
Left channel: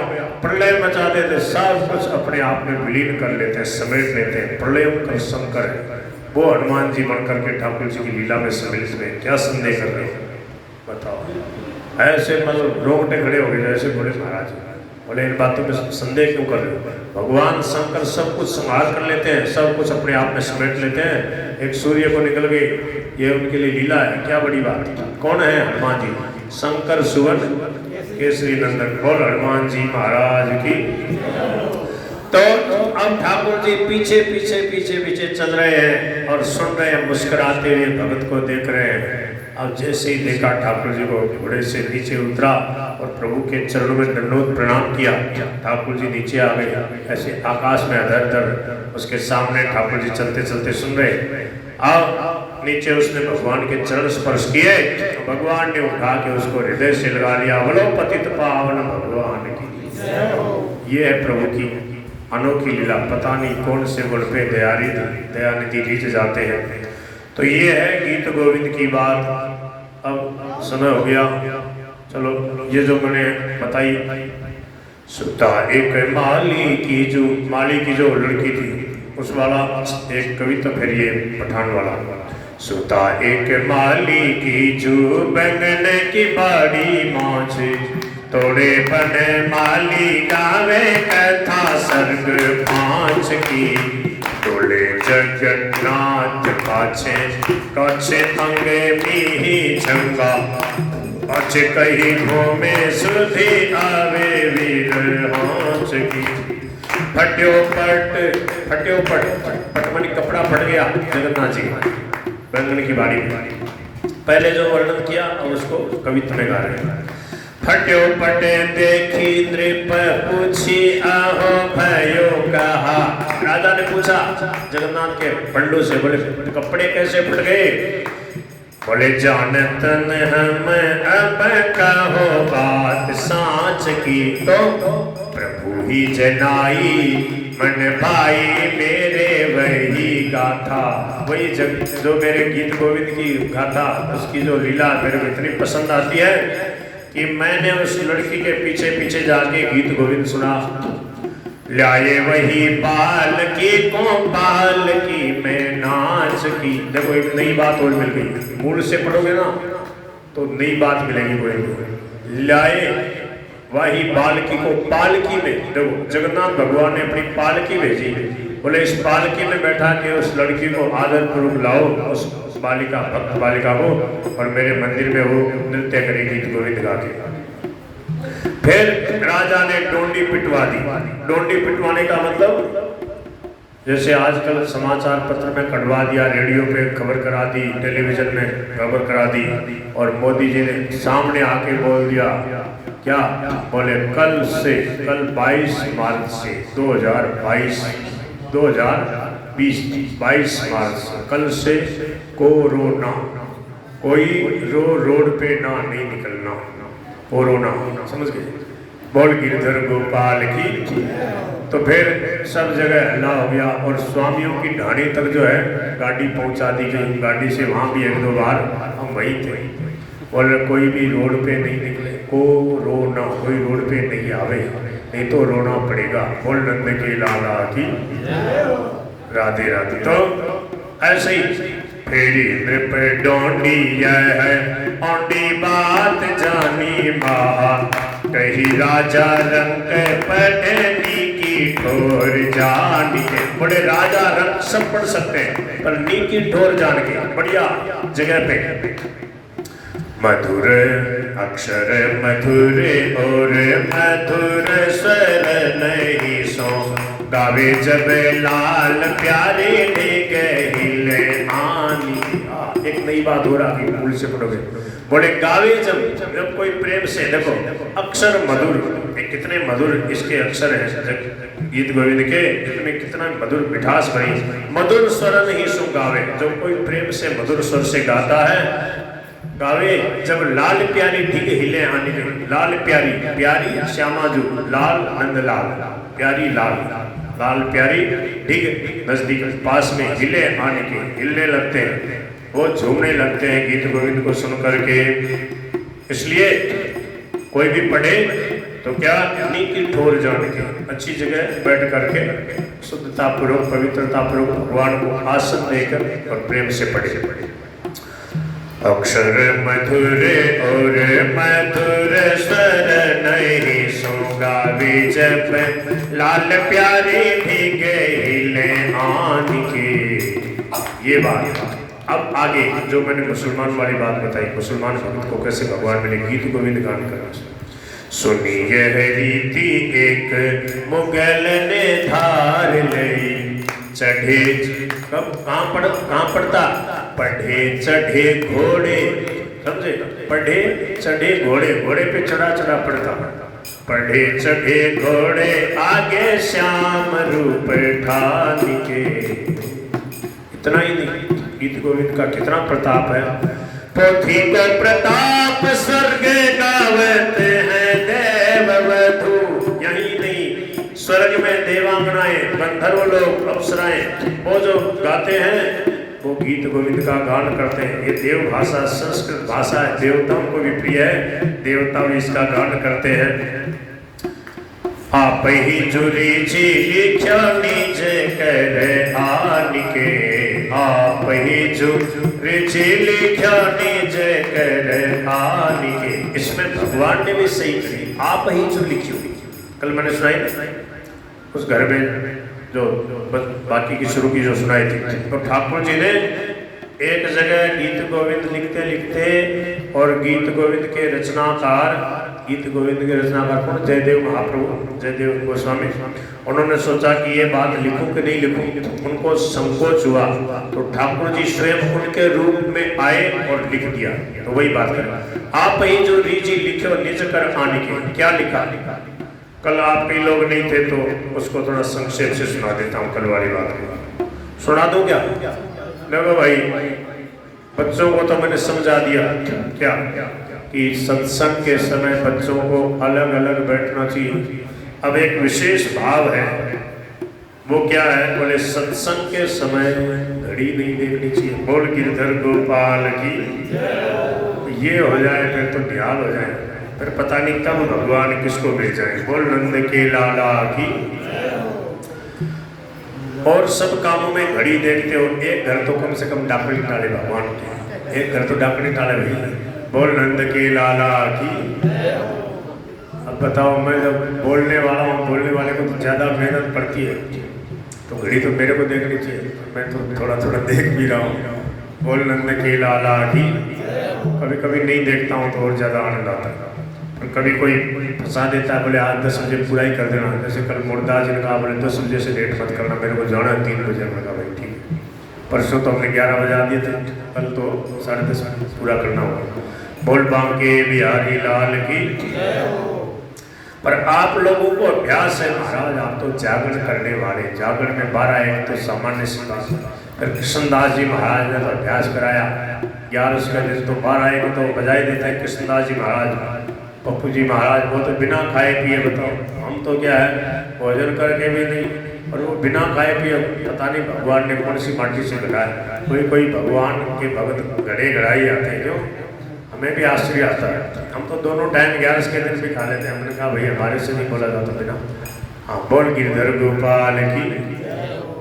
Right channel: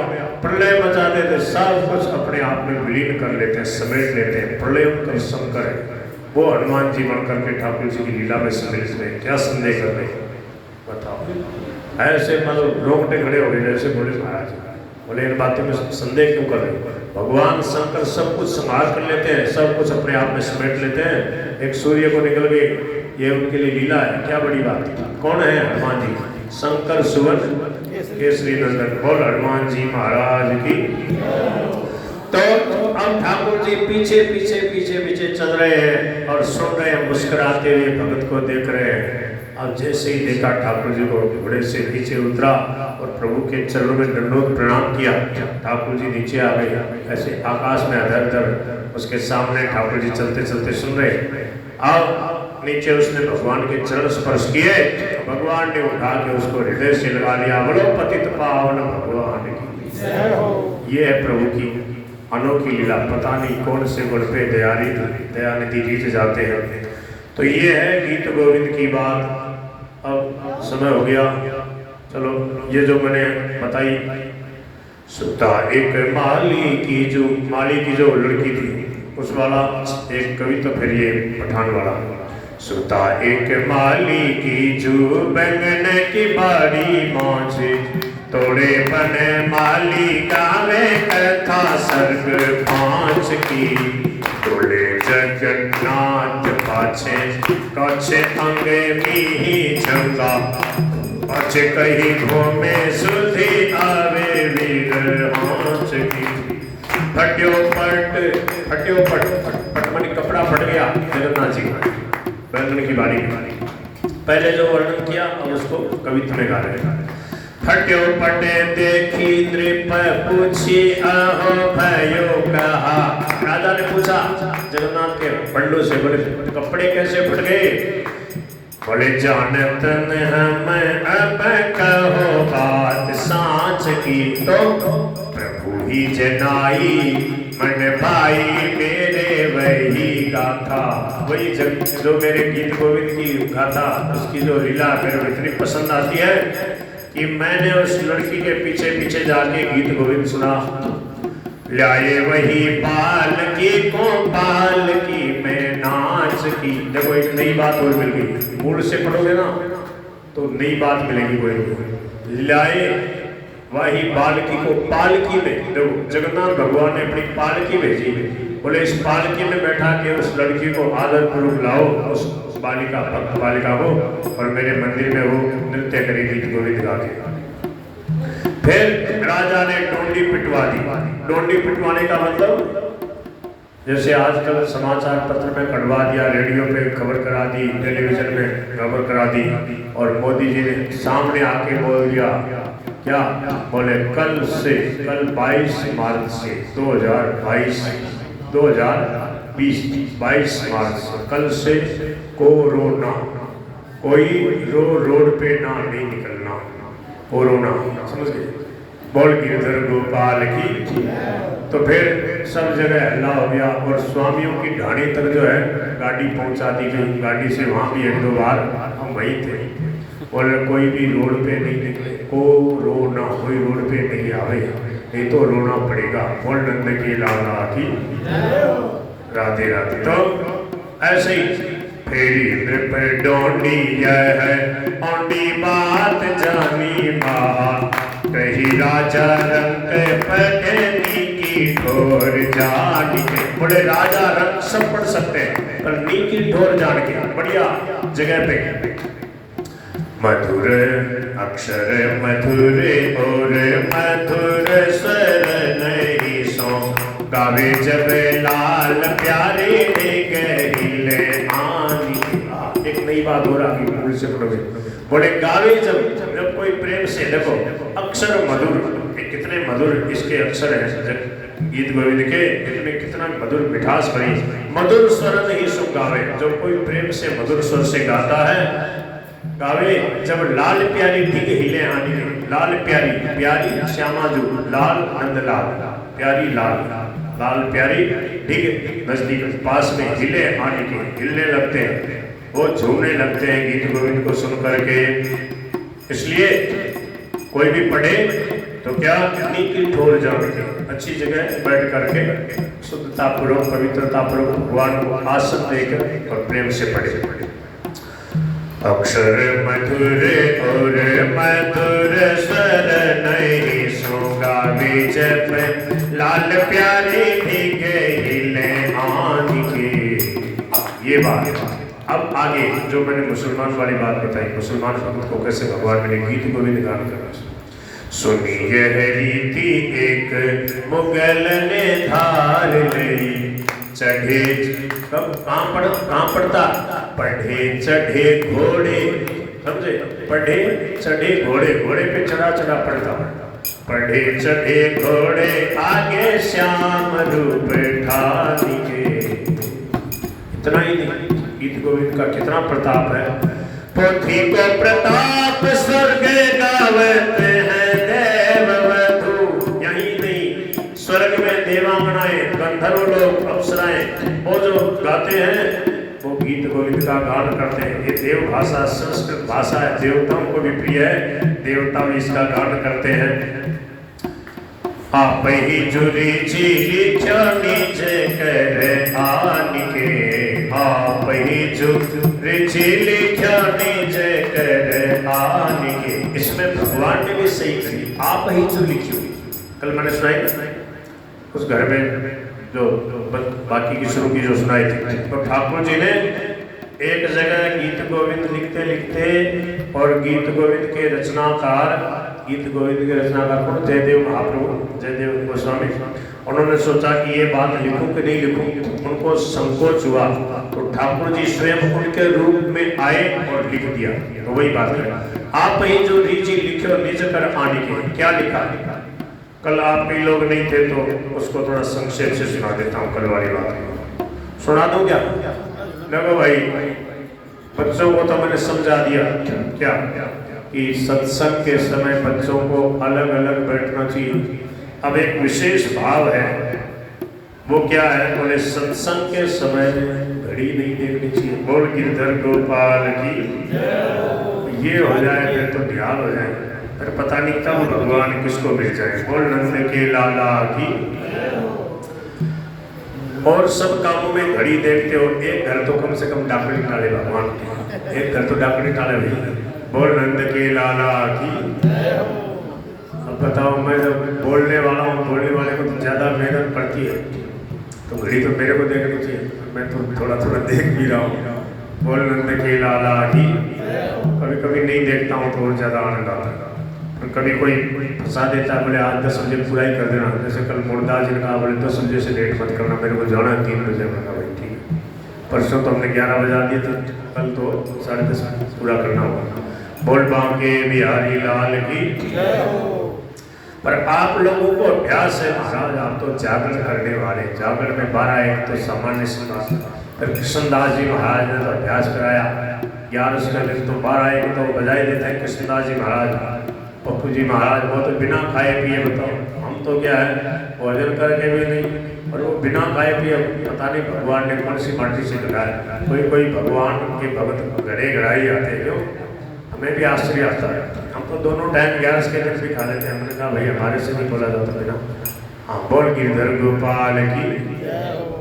प्रलय मचा देते, सब कुछ अपने आप में विलीन कर लेते हैं, समेट लेते हैं। प्रलयंकर शंकर है वो हनुमान जी बन करके ठाकुर जी की लीला में समेट में क्या संदेह कर रहे बताओ। ऐसे मतलब रोंगटे खड़े हो गए जैसे बोले महाराज। बोले इन बातों में संदेह क्यों कर रहे। भगवान शंकर सब कुछ संभाल कर लेते हैं, सब कुछ अपने आप में समेट लेते हैं। एक सूर्य को निकल गए, ये उनके लिए लीला है, क्या बड़ी बात है। कौन है हनुमान जी, शंकर सुवर्ण केसरी नंदन। बोल हनुमान जी महाराज की। तो अब ठाकुर जी पीछे पीछे पीछे पीछे चल रहे हैं और सुन रहे हैं, मुस्कुराते हुए भगत को देख रहे हैं। अब जैसे ही देखा ठाकुर जी को, घोड़े से नीचे उतरा और प्रभु के चरणों में दंडोत प्रणाम किया। ठाकुर जी नीचे आ गए, ऐसे आकाश में अधर अधर उसके सामने ठाकुर जी चलते चलते सुन रहे। अब नीचे उसने भगवान के चरण स्पर्श किए, भगवान ने उठा के उसको हृदय से लगा लिया। बोलो पतित पावन भगवान की। ये है प्रभु की अनोखी लीला। पता नहीं कौन से गुण पे दयानिधि गीत जाते हैं। तो ये है गीत गोविंद की बात। अब समय हो गया, चलो ये जो मैंने बताई, सुता एक माली की जो लड़की थी उस वाला एक कविता, फिर ये पठान वाला। सुता एक माली की जो बैंगन की बड़ी मौज, तोड़े बने माली गावे कथा सर्ग 5 की। तोड़े जगन्नाथ काछे काछे अंगे मीही झंगा, अच्छे कहीं घूमे सुधी आवे वीर हाथ की। फट्यो पट माने कपड़ा फट गया जगन्नाथ जी बैंगन की बारी। पहले जो वर्णन किया अब उसको कविता में गा रहे हैं। फट्यो पटे देखी नृप पूछी आहो भयो कहा। राजा ने पूछा जगन्नाथ के पंडों से, बोले कपड़े कैसे फट गए। बोले जानत हम अब कहो बात सांच की। तो प्रभु ही जनाई मन भाई मेरे वही गाथा। वही जो मेरे गीत गोविंद की गाथा उसकी जो लीला मेरे इतनी पसंद आती है कि मैंने उस लड़की के पीछे पीछे जाके गीत गोविंद सुना। लाए वही पालकी को पालकी में नाच की। देखो एक नई बात और मिल गई, मूल से पढ़ोगे ना तो नई बात मिलेगी कोई। लाए वही पालकी को पालकी में, देखो जगन्नाथ भगवान ने अपनी पालकी भेजी, बोले इस पालकी में बैठा के उस लड़की को आदर पूर्वक लाओ, उस बालिका भक्त बालिका को, और मेरे मंदिर में वो नृत्य करेगी गोविंद गा के। फिर राजा ने डोंडी पिटवा दी। डोंडी पिटवाने का मतलब जैसे आजकल समाचार पत्र में कटवा दिया, रेडियो पे खबर करा दी, टेलीविजन में खबर करा दी, और मोदी जी ने सामने आके बोल दिया क्या, बोले कल 22 मार्च से 22 मार्च से कल से कोरोना, कोई रोड पे ना नहीं निकलना, कोरोना, समझ गए? बोल गिरधर गोपाल की। तो फिर सब जगह हल्ला हो गया, और स्वामियों की ढाणी तक जो है गाड़ी पहुंचा दी गई। गाड़ी से वहाँ भी 1-2 बार हम वही थे, बोले कोई भी रोड पे नहीं निकले, कोरोना, कोई रोड पे नहीं आवे, नहीं तो रोना पड़ेगा। बोल नंद की लाला की राधे राधे। तो ऐसे ही फेरी पे डोंडी है ओंडी बात जानी माँ, कही राजा रंग पढ़नी की ठोर जानी। बोले राजा रंग सब पढ़ सकते हैं, पर नी की ठोर जान के बढ़िया जगह पे। मधुर अक्षर मधुर और मधुर स्वर नहीं सो, गावे जब लाल प्यारे दे गहिले आनी। एक नई बात हो रहा है, मूल से पढ़ोगे। बोले गावे जब कोई प्रेम से, देखो अक्षर मधुर, कितने मधुर इसके अक्षर हैं गीत गोविंद के, इसमें कितना मधुर मिठास भरी। मधुर स्वर नहीं सो गावे, जब कोई प्रेम से मधुर स्वर से गाता है, गावे जब लाल प्यारी ठीक हिले आने के। लाल प्यारी, प्यारी श्यामा जो लाल नंदलाल, प्यारी लाल, लाल प्यारी ठीक नजदीक पास में हिले आने के, हिलने लगते हैं, वो झूमने लगते हैं गीत गोविंद को सुन करके। इसलिए कोई भी पढ़े तो क्या, नीति ठोर जान के अच्छी जगह बैठ करके शुद्धता पूर्वक पवित्रता पूर्वक भगवान को आसन देकर और प्रेम से पढ़े। अक्षर मधुर और मधुर स्वर नहीं सो, गावे जब लाल प्यारे भीगे हिले आन के। ये बात। अब आगे जो मैंने मुसलमान वाली बात बताई, मुसलमान भक्त को कैसे भगवान ने गीत गोविंद गान करा। सुनी यह रीति एक मुगल ने धार लई, चढ़े कब कहाँ पढ़ता, पढ़े चढ़े घोड़े, समझे? पढ़े चढ़े घोड़े, घोड़े पे चढ़ा पढ़ता, पढ़े चढ़े घोड़े आगे श्याम रूप ठानी के। इतना ही नहीं, गीत गोविंद का कितना प्रताप है। पोथी को प्रताप स्वर्ग गावत है देववधू, यही नहीं स्वर्ग में देवांगनाएं, गंधर्व लोग, अप्सराएं, वो जो गाते हैं वो गीत गोविंद का गान करते हैं। ये देव भाषा, संस्कृत भाषा है, देवताओं को भी प्रिय है, देवता भी इसका गान करते हैं। आप ही जुली झीली निज कर आन के, आप ही जुली झीली निज कर आन के। इसमें भगवान ने भी सही कही, आप ही जुली झीली। कल मैंने सुनाई उस घर में जो बाकी की शुरू की जो सुनाई थी, तो ठाकुर जी ने एक जगह गीत गोविंद लिखते लिखते, और गीत गोविंद के रचनाकार, गीत गोविंद के रचनाकार कौन, जयदेव महाप्रभु, जयदेव गोस्वामी। उन्होंने सोचा कि ये बात लिखूं कि नहीं लिखूं, उनको संकोच हुआ, तो ठाकुर जी स्वयं उनके रूप में आए और लिख दिया। तो वही बात है, आप ही जो रीजी लिखे निज कर आने के। क्या लिखा? कल आप कई लोग नहीं थे तो उसको थोड़ा संक्षेप से सुना देता हूँ। कल वाली बात सुना दूं क्या? देखो भाई, बच्चों को तो मैंने समझा दिया क्या कि सत्संग के समय बच्चों को अलग अलग बैठना चाहिए। अब एक विशेष भाव है, वो क्या है? बोले सत्संग के समय घड़ी नहीं देखनी चाहिए। बोल गिरधर गोपाल की। ये हो जाए फिर तो ध्यान हो जाए, फिर पता नहीं कब भगवान किसको भेजा है। बोल नंद के लाला की। और सब कामों में घड़ी देखते हो, एक घर तो कम से कम डाकड़ी टाले भगवान की, एक घर तो डाकड़ी टाले भी। बोल नंद के लाला की। अब बताओ, मैं जब बोलने वाला हूँ, बोलने वाले को तो ज़्यादा मेहनत पड़ती है, तो घड़ी तो मेरे को देखनी चाहिए, मैं तो थोड़ा थोड़ा देख भी रहा हूँ। बोल नंद के लाला की। कभी कभी नहीं देखता हूँ तो और ज़्यादा आनंद आता है। और कभी कोई फंसा देता है, बोले आज 10 बजे पूरा ही कर देना, जैसे कल मुर्दास जी ने कहा बोले 10 बजे से लेट मत करना, मेरे को जाना है 3 बजे। में कहा भाई ठीक, परसों तो हमने 11 बजे आ दिए थे, कल तो 10:30 पूरा करना होगा। बोल बांके बिहारी लाल की। पर आप लोगों को अभ्यास है महाराज, आप तो जागरण करने वाले, जागरण में 12-1 तो सामान्य सुना, फिर कृष्णदास जी महाराज ने तो अभ्यास कराया 11 दिन, तो 12-1 तो बजाय देते हैं कृष्णदास जी महाराज, पप्पू जी महाराज, वो तो बिना खाए पिए, बताओ हम तो क्या है भोजन करके भी नहीं, और वो बिना खाए पिए, पता नहीं भगवान ने कौन सी माटी से गढ़ाया। कोई भगवान के भगत गढ़े गढ़ाई आते हैं, जो हमें भी आश्चर्य आता है। हम तो दोनों टाइम 11 के दिन भी खा लेते हैं। हमने कहा भाई हमारे से नहीं बोला जाता बिना। हाँ, बोल गिरधर गोपाल की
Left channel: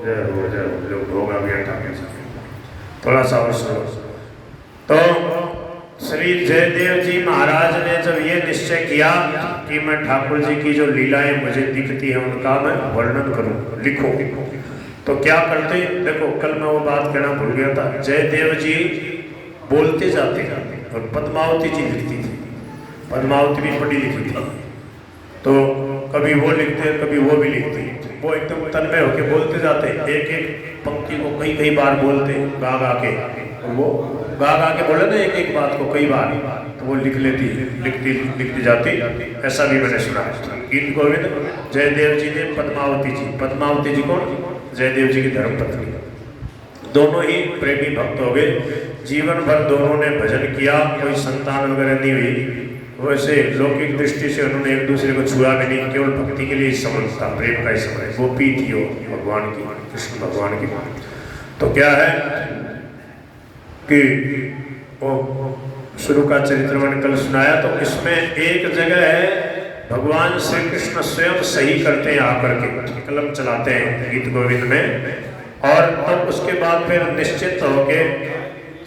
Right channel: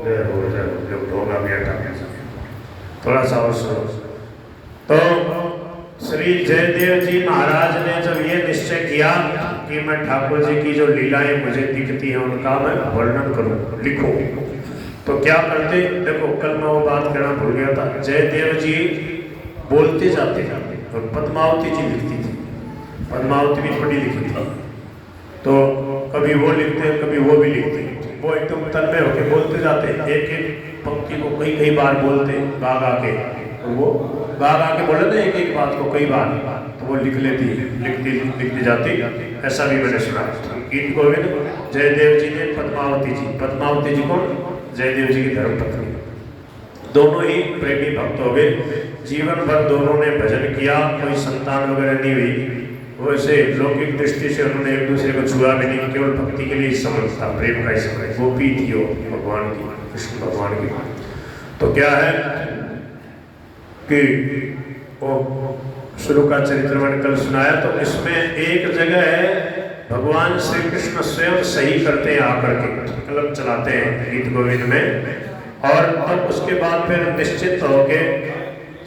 जय हो, जय हो, जय होगा बेटा। थोड़ा सा और सुनो। तो श्री जयदेव जी महाराज ने जब ये निश्चय किया कि मैं ठाकुर जी की जो लीलाएं मुझे दिखती हैं उनका मैं वर्णन करूं, लिखूं, तो क्या करते, देखो कल मैं वो बात कहना भूल गया था। जयदेव जी बोलते जाते थे और पद्मावती जी लिखती थी, पद्मावती भी पढ़ी लिखी थी, तो कभी वो लिखते कभी वो भी लिखते, वो एकदम तन्मय होकर बोलते जाते, एक एक पंक्ति को कई बार बोलते गा गा के, और वो गा गा के बोले ना एक एक बात को कई बार, तो वो लिखती जाती। ऐसा भी मैंने सुना। गीत गोविंद जयदेव जी ने पद्मावती जी कौन, जयदेव जी की धर्मपत्नी, दोनों ही प्रेमी भक्त हो गए। जीवन भर दोनों ने भजन किया, कोई संतान वगैरह नहीं हुई। वैसे लौकिक दृष्टि से उन्होंने एक दूसरे को छुआ भी नहीं, केवल भक्ति के लिए समझ था, प्रेम का ही समझ, वो पी थी वो भगवान की, कृष्ण भगवान की। तो क्या है कि वो शुरू का चरित्र मैंने कल सुनाया, तो इसमें एक जगह है भगवान श्री कृष्ण स्वयं सही करते हैं, आकर के कलम चलाते हैं गीत गोविंद में, और तब उसके बाद फिर निश्चित होके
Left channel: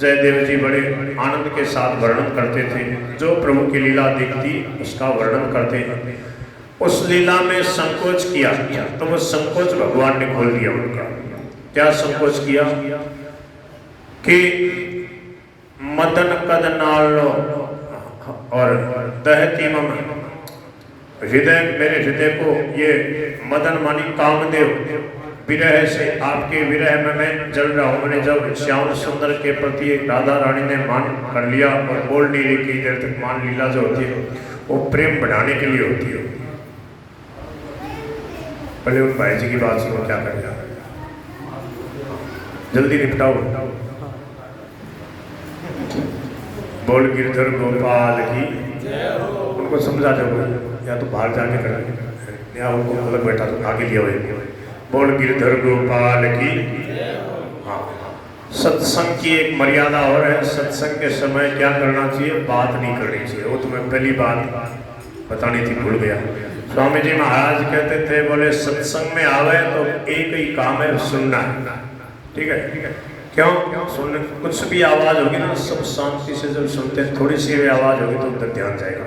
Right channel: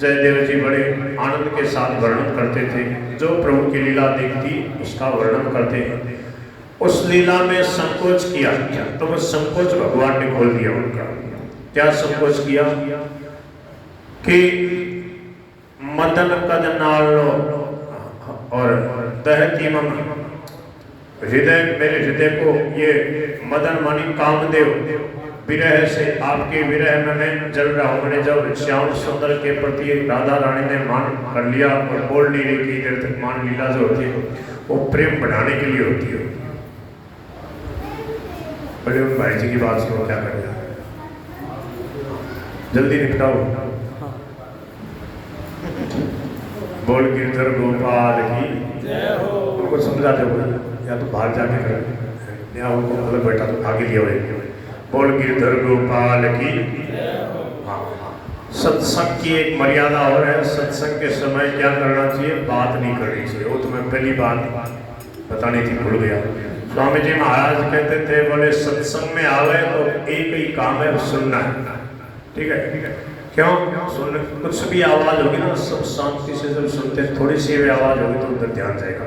जयदेव जी बड़े आनंद के साथ वर्णन करते थे, जो प्रभु की लीला दिखती उसका वर्णन करते हैं। उस लीला में संकोच किया, तो वो संकोच भगवान ने खोल दिया उनका। क्या संकोच किया कि मदन कद नालो और दहती मम हृदय, मेरे हृदय को ये मदन मानी कामदेव, विरह से, आपके विरह में मैं जल रहा हूँ। मैंने जब श्याम सुंदर के प्रति राधा रानी ने मान कर लिया और बोल नहीं रही कि देर तक मान लीला जो होती है वो प्रेम बढ़ाने के लिए होती है। पहले उन भाई जी की बात सुनो, क्या करेगा, जल्दी निपटाओ। बोल गिरधर गोपाल की, उनको समझा दो, या तो बाहर जाके कर, या उनको मतलब बैठा तो आगे लिया हुआ। बोल गिरधर गोपाल की। हाँ, सत्संग की एक मर्यादा और है। सत्संग के समय क्या करना चाहिए, बात नहीं करनी चाहिए। वो तो मैं पहली बार बतानी थी, भूल गया। स्वामी जी महाराज कहते थे, बोले सत्संग में आवे तो एक ही काम है, सुनना है। ठीक है, क्यों सुनने, कुछ भी आवाज होगी ना, सब शांति से जब सुनते हैं, थोड़ी सी भी आवाज होगी तो उधर ध्यान जाएगा।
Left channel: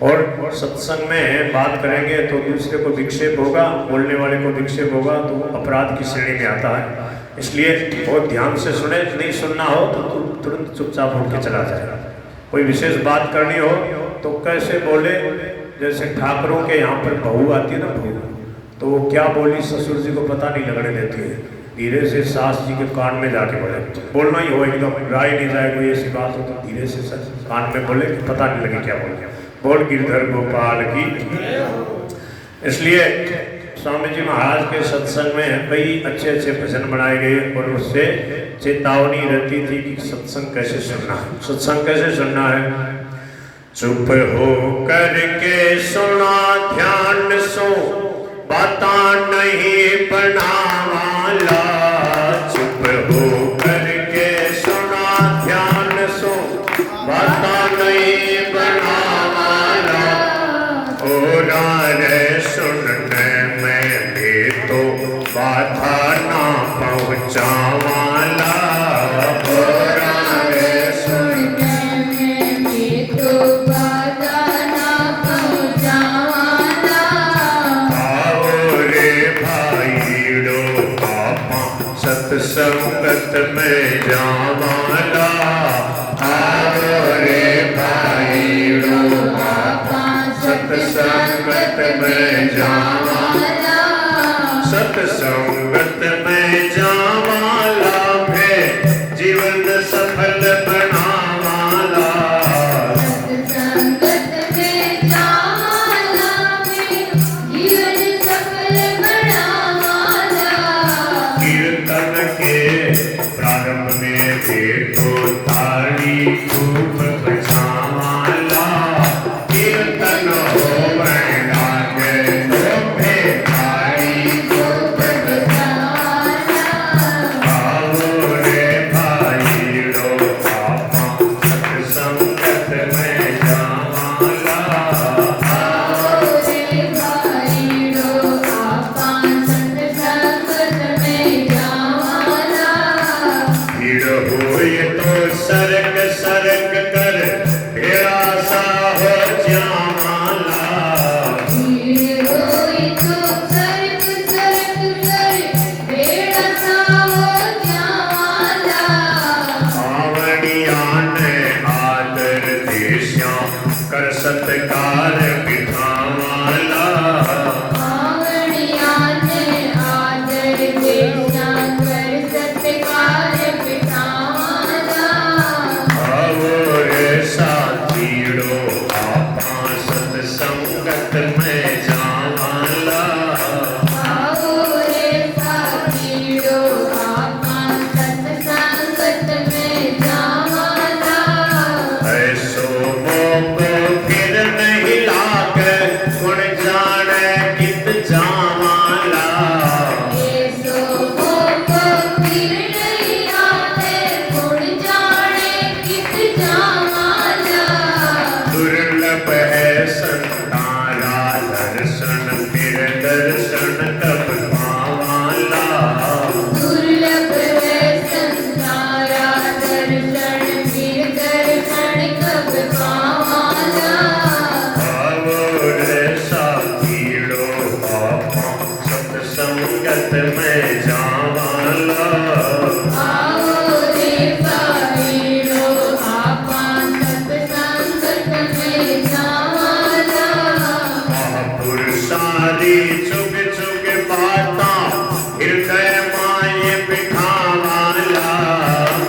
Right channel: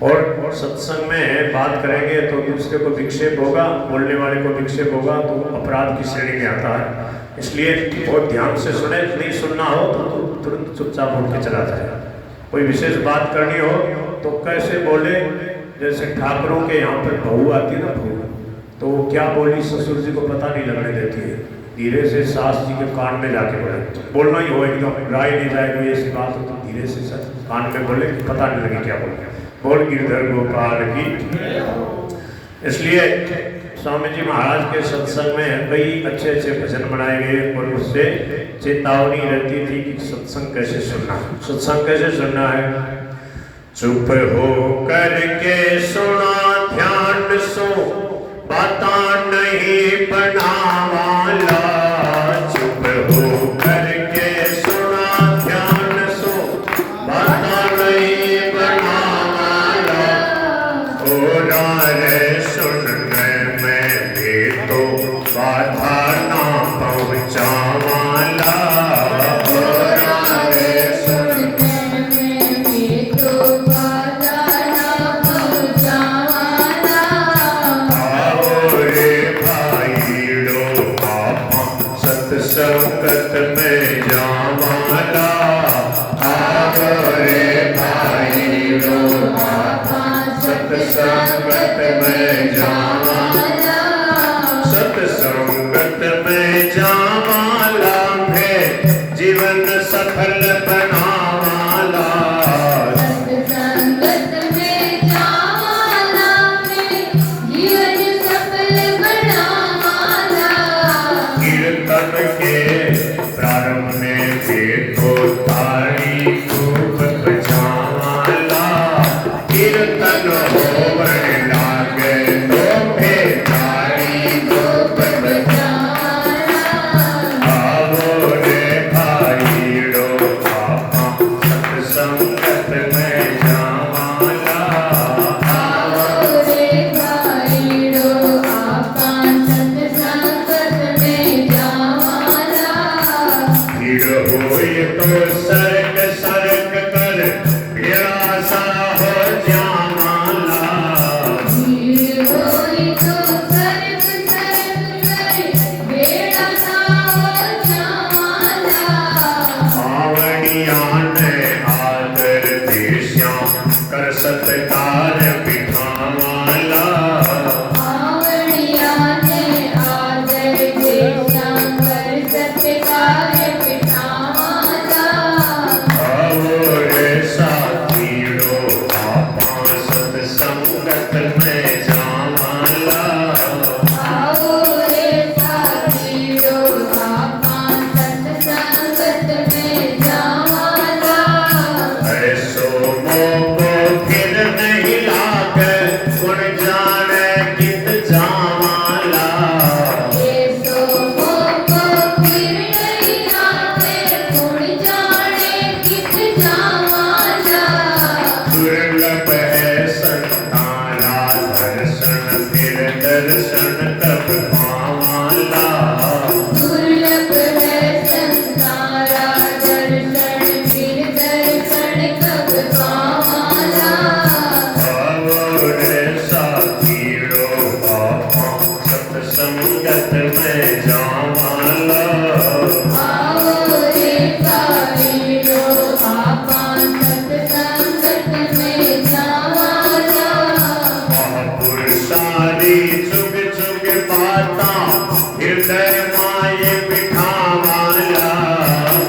और सत्संग में बात करेंगे तो दूसरे को विक्षेप होगा, बोलने वाले को विक्षेप होगा, तो अपराध की श्रेणी में आता है। इसलिए बहुत ध्यान से सुने, नहीं सुनना हो तो तुरंत चुपचाप उठ के चला जाए। कोई विशेष बात करनी हो तो कैसे बोले, जैसे ठाकुरों के यहाँ पर बहू आती है ना, बहू, तो वो क्या बोली ससुर जी को पता नहीं लगने देती है, धीरे से सास जी के कान में जाके बोले, बोलना ही हो एकदम, राय नहीं जाए कोई ऐसी बात हो तो धीरे से कान में बोले, पता नहीं लगे क्या बोले। बोल गिरधर गोपाल की। इसलिए स्वामी जी महाराज के सत्संग में कई अच्छे अच्छे भजन बनाए गए और उससे चेतावनी रहती थी कि सत्संग कैसे सुनना है। सत्संग कैसे सुनना है, चुप हो करके सुना, ध्यान सो बाता नहीं बनावाला। चुप हो करके सुना, ध्यान सो बाता नहीं बनावाला। और सुनने में तो बाधा जावाला, सत्संगत में जावाला है जीवन सफल बनावाला, सत्संगत में जावाला में जीवन सफल बनावाला। कीर्तन के प्रारंभ में देखो ताली खूब बजावाला, कीर्तन हो लागे तो ताली खूब जावाला, आओ रे भाईड़ो आपा सत्संगत में जावाला, आओ रे भाईड़ो आपा सत्संगत में जावाला। भीड़ होए तो सरक सरक कर भेड़ा सा हो जावाला, भीड़ होई तो सरक सरक कर बेड़ा सा हो जावाला। आवड़िया ने आदर देश्या कर सत्कार बिठावाला, आवड़िया ने आदर देशा कर सत्कार बिठावाला। आओ रे साथीड़ो आपा सत्संगत में जावाला, आओ रे साथीड़ो आपा सत्संगत में जावाला। ऐसो मोको फिर नहीं लागे गुण जाने कित जावाला, ऐसो मोको फिर नहीं आते गुण जाने कित जावाला। दुर्लभ है संताना दर्शन फिर दर्शन कब पावाला, दुर्लभ है संसारा दर्शन फिर दर्शन कब पावाला। आओ रे साथीड़ो आपा सत्संगत में जावाला, आओ रे भाईड़ो आपा सत्संगत में जावाला। महापुरुषादी चुग चुग बाता हृदय माये बिठावाला,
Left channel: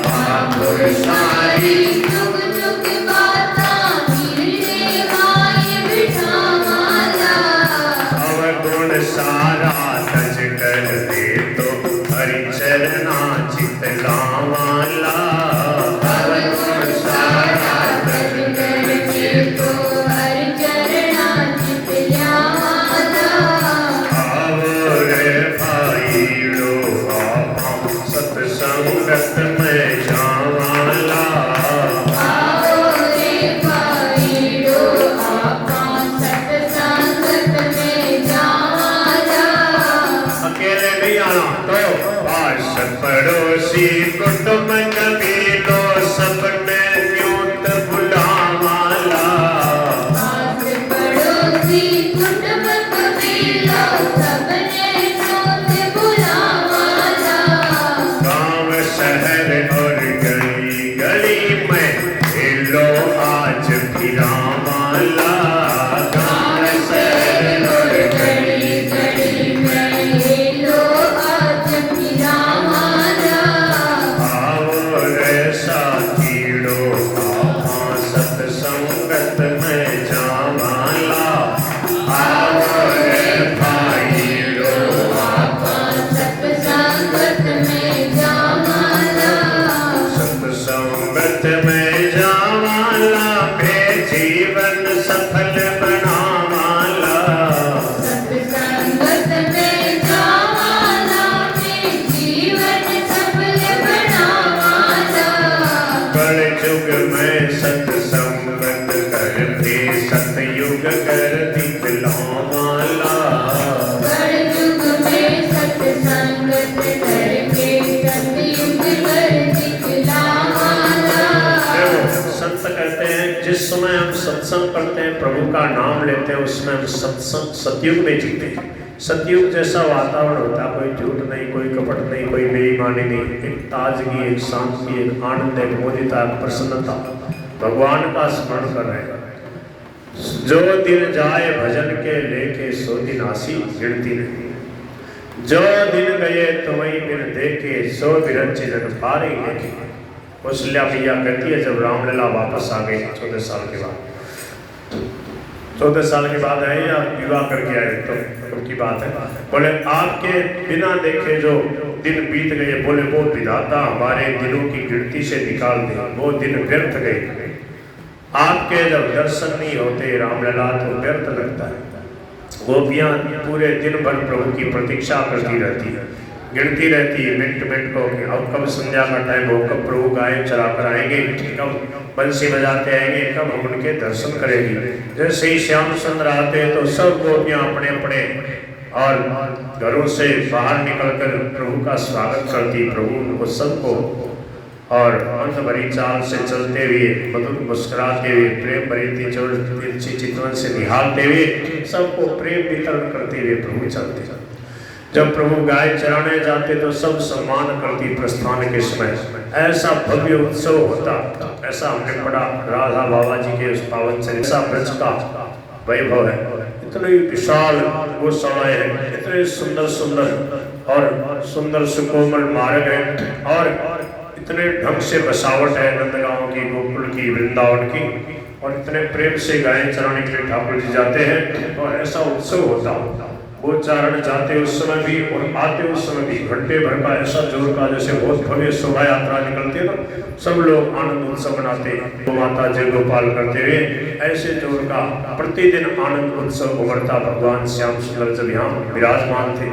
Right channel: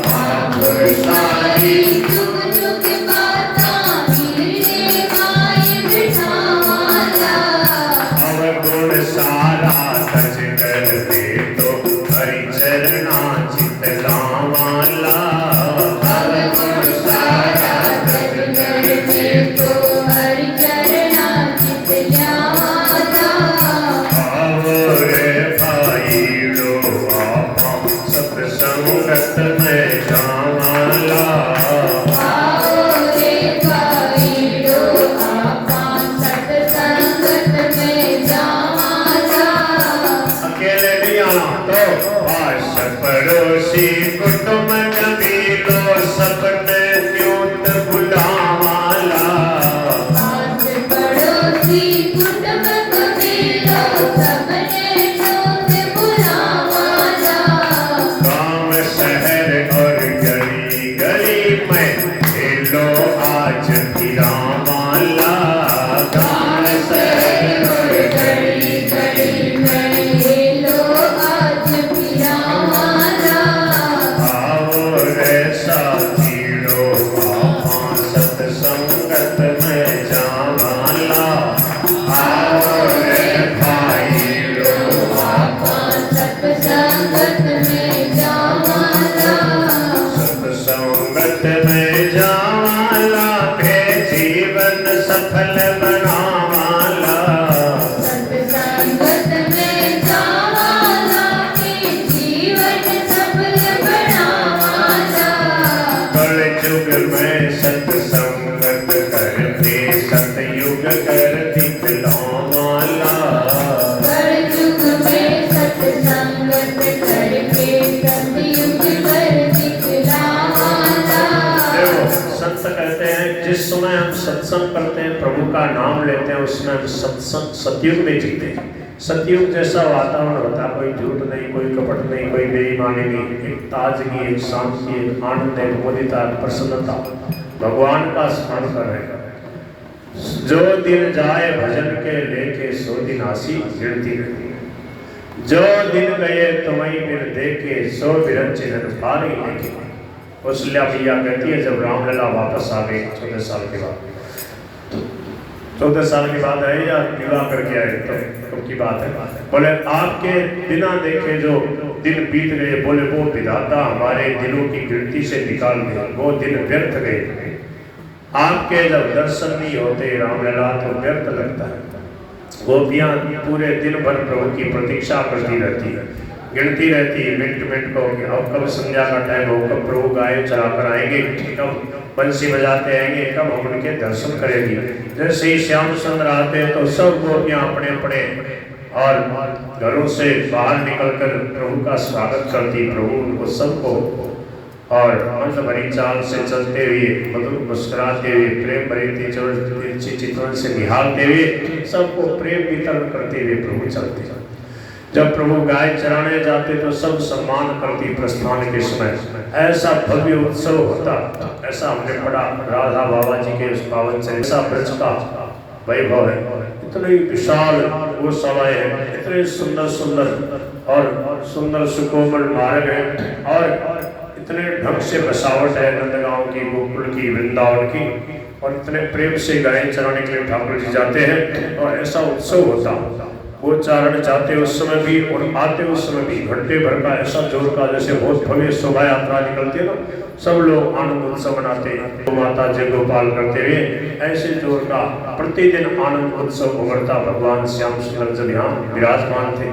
महापुरुषादी चुग चुग बाता हृदय माये बिठावाला। अवगुण सारा तज कर दे तो हरि चरना चित गावाला, अवगुण सारा तज कर दे तो हरि चरणा चित जावाला। आओ रे भाईड़ो आपा सत्संगत में जावाला, आओ रे भाईड़ो आपा सत्संगत में जावाला। अकेले नहीं आना तो पास पड़ोसी कुटुंब कबीलो सबने न्यूट बुलावाला, पास पड़ोसी कुटुंब कबीला सबने नोट बुलावाला। गांव शहर और गली गली में लो आज फिरावाला, गांव शहर और गली गली में ये लो आज फिरावाला। आओ रे साथीड़ो आपा सत्संगत में जावाला, आओ रे भाईड़ो आपा सत्संगत में जावाला। सत्संगत में जावाला पे जीवन सफल बनावाला, सत्संगत में जावाला के जीवन सफल बनावाला। कलयुग में सत्संगत करके सतयुग कर दिखलावाला, कलयुग में सत्संगत करके सतयुग कर दिखलावाला। देखो संत कहते हैं जिस समय हम सत्संग करते हैं प्रभु का नाम लेते हैं उसमें हम सत्संग सतयुग में जीते हैं। सतयुग जैसा वातावरण होता है, कोई झूठ नहीं, कोई कपट नहीं, कोई बेईमानी नहीं, एक ताजगी, एक शांति, एक आनंद, एक मोदिता, प्रसन्नता, भगवान का स्मरण कर रहे हैं। जो दिन जाए भजन के लेके सो दिन आसी गिनती नहीं। जो दिन गए तुम्हें फिर देखे सो बिरंची जग पार ही लेके। कौशल्या भैया कहती है जब रामलला वापस आ गए 14 साल के बाद, 14 साल के बाद आए या विवाह करके आए तो की बात है। बोले आपके बिना देखे जो दिन बीत गए, बोले वो विधाता हमारे दिनों की गिनती से निकाल दे, वो दिन व्यर्थ गए। आपके जब दर्शन नहीं होते रामलला तो व्यर्थ लगता है। गोपियां पूरे दिन भर प्रभु की प्रतीक्षा करती रहती है, गिनती रहती है मिनट मिनट को, अब कब संध्या का टाइम हो, कब प्रभु गाय चलाकर आएंगे, कब बंसी बजाते आएंगे, कब हम उनके दर्शन करेंगे। जैसे ही श्याम सुंदर आते हैं तो सब गोपियां अपने अपने और घरों से बाहर निकलकर प्रभु का स्वागत करती। प्रभु उनको सबको और अंत भरी चाल से चलते हुए, मधुर मुस्कुराते हुए, प्रेम भरी तिरछी चितवन से निहारते हुए, सबको प्रेम वितरण करते हुए प्रभु चलते। जब प्रभु गाय चराने जाते तो सब सम्मान करती। प्रस्थान के समय ऐसा भव्य उत्सव होता, ऐसा हमने पढ़ा राधा बाबा जी के उस पावन से, ऐसा ब्रज का वैभव है, इतने विशाल वो समय है, इतने सुंदर सुंदर और सुंदर सुकोमल मार्ग है, और इतने ढंग से बसावट है नंदगांव की, गोकुल की, वृंदावन की, और इतने प्रेम से गाय चराने के लिए ठाकुर जी जाते हैं। और ऐसा उत्सव होता, वो चारण जाते उस समय भी और आते उस समय भी घंटे भर का ऐसा जोर का, जैसे बहुत भव्य शोभा यात्रा निकलती है ना, सब लोग आनंद उत्सव मनाते, तो माता जय गोपाल करते हुए ऐसे जोर का प्रतिदिन आनंद उत्सव उमड़ता। भगवान श्याम सुंदर जब यहाँ विराजमान थे,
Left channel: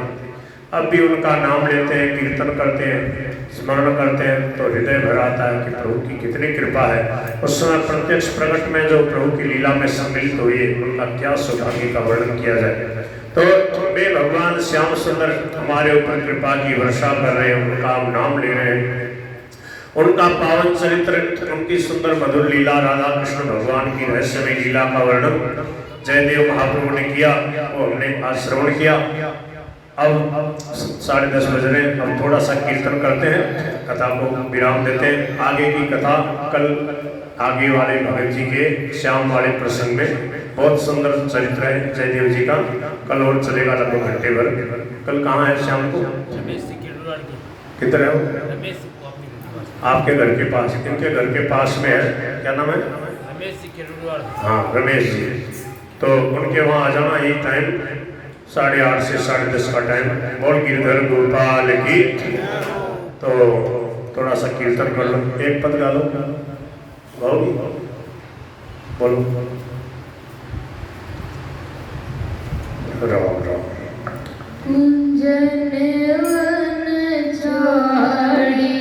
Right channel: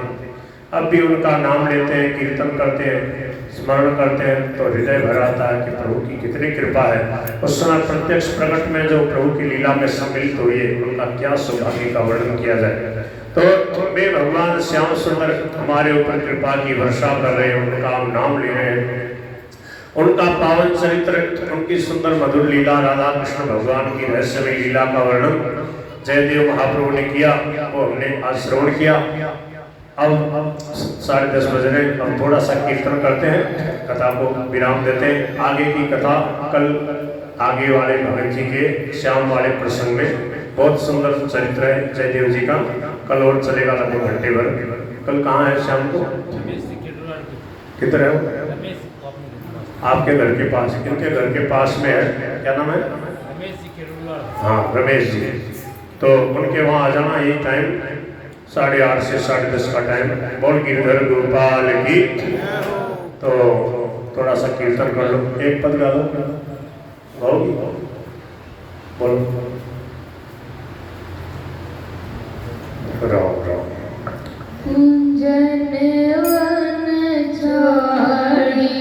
अब भी उनका नाम लेते हैं, कीर्तन करते हैं, स्मरण करते हैं तो हृदय भर आता है कि प्रभु की कितनी कृपा है। उस समय प्रत्यक्ष प्रकट में जो प्रभु की लीला में सम्मिलित हुए, उनका क्या सौभाग्य का वर्णन किया जाए। तो वे भगवान श्याम सुंदर हमारे ऊपर कृपा की वर्षा कर रहे हैं, उनका हम नाम ले रहे हैं, उनका पावन चरित्र, उनकी सुंदर मधुर लीला, राधा कृष्ण भगवान की रहस्यमय लीला का वर्णन जयदेव महाप्रभु ने किया, वो हमने आज श्रवण किया। अब 10:30 बज रहे, हम थोड़ा सा कीर्तन करते हैं, कथा को विराम देते हैं। आगे की कथा कल आगे वाले भगत जी के श्याम वाले प्रसंग में बहुत सुंदर चरित्र है जयदेव जी का, कल और चलेगा लगभग घंटे भर। कल कहाँ है शाम को, किधर है वो? आपके घर के पास, इनके घर के पास में है, क्या नाम है? हाँ रमेश जी। तो उनके वहाँ आ जाना, यही टाइम 8:30 से 10:30 का टाइम। बोल गिरधर गोपाल की। तो थोड़ा सा कीर्तन कर लो, एक पद गा लो, बोलो राम राम। कुंजन वन झाड़ी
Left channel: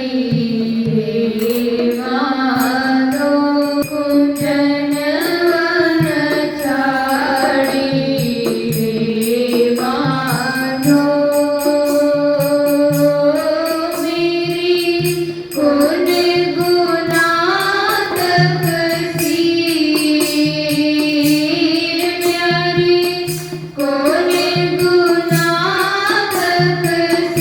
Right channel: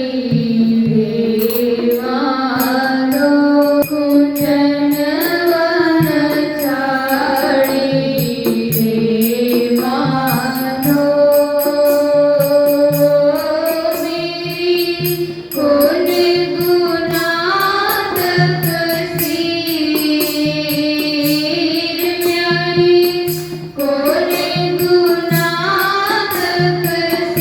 देवारो, कुंजन वन झाड़ी देवारो, मेरी गुण गुनात कसीर प्यारी, गुण गुनात कसीर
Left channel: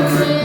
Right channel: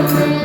में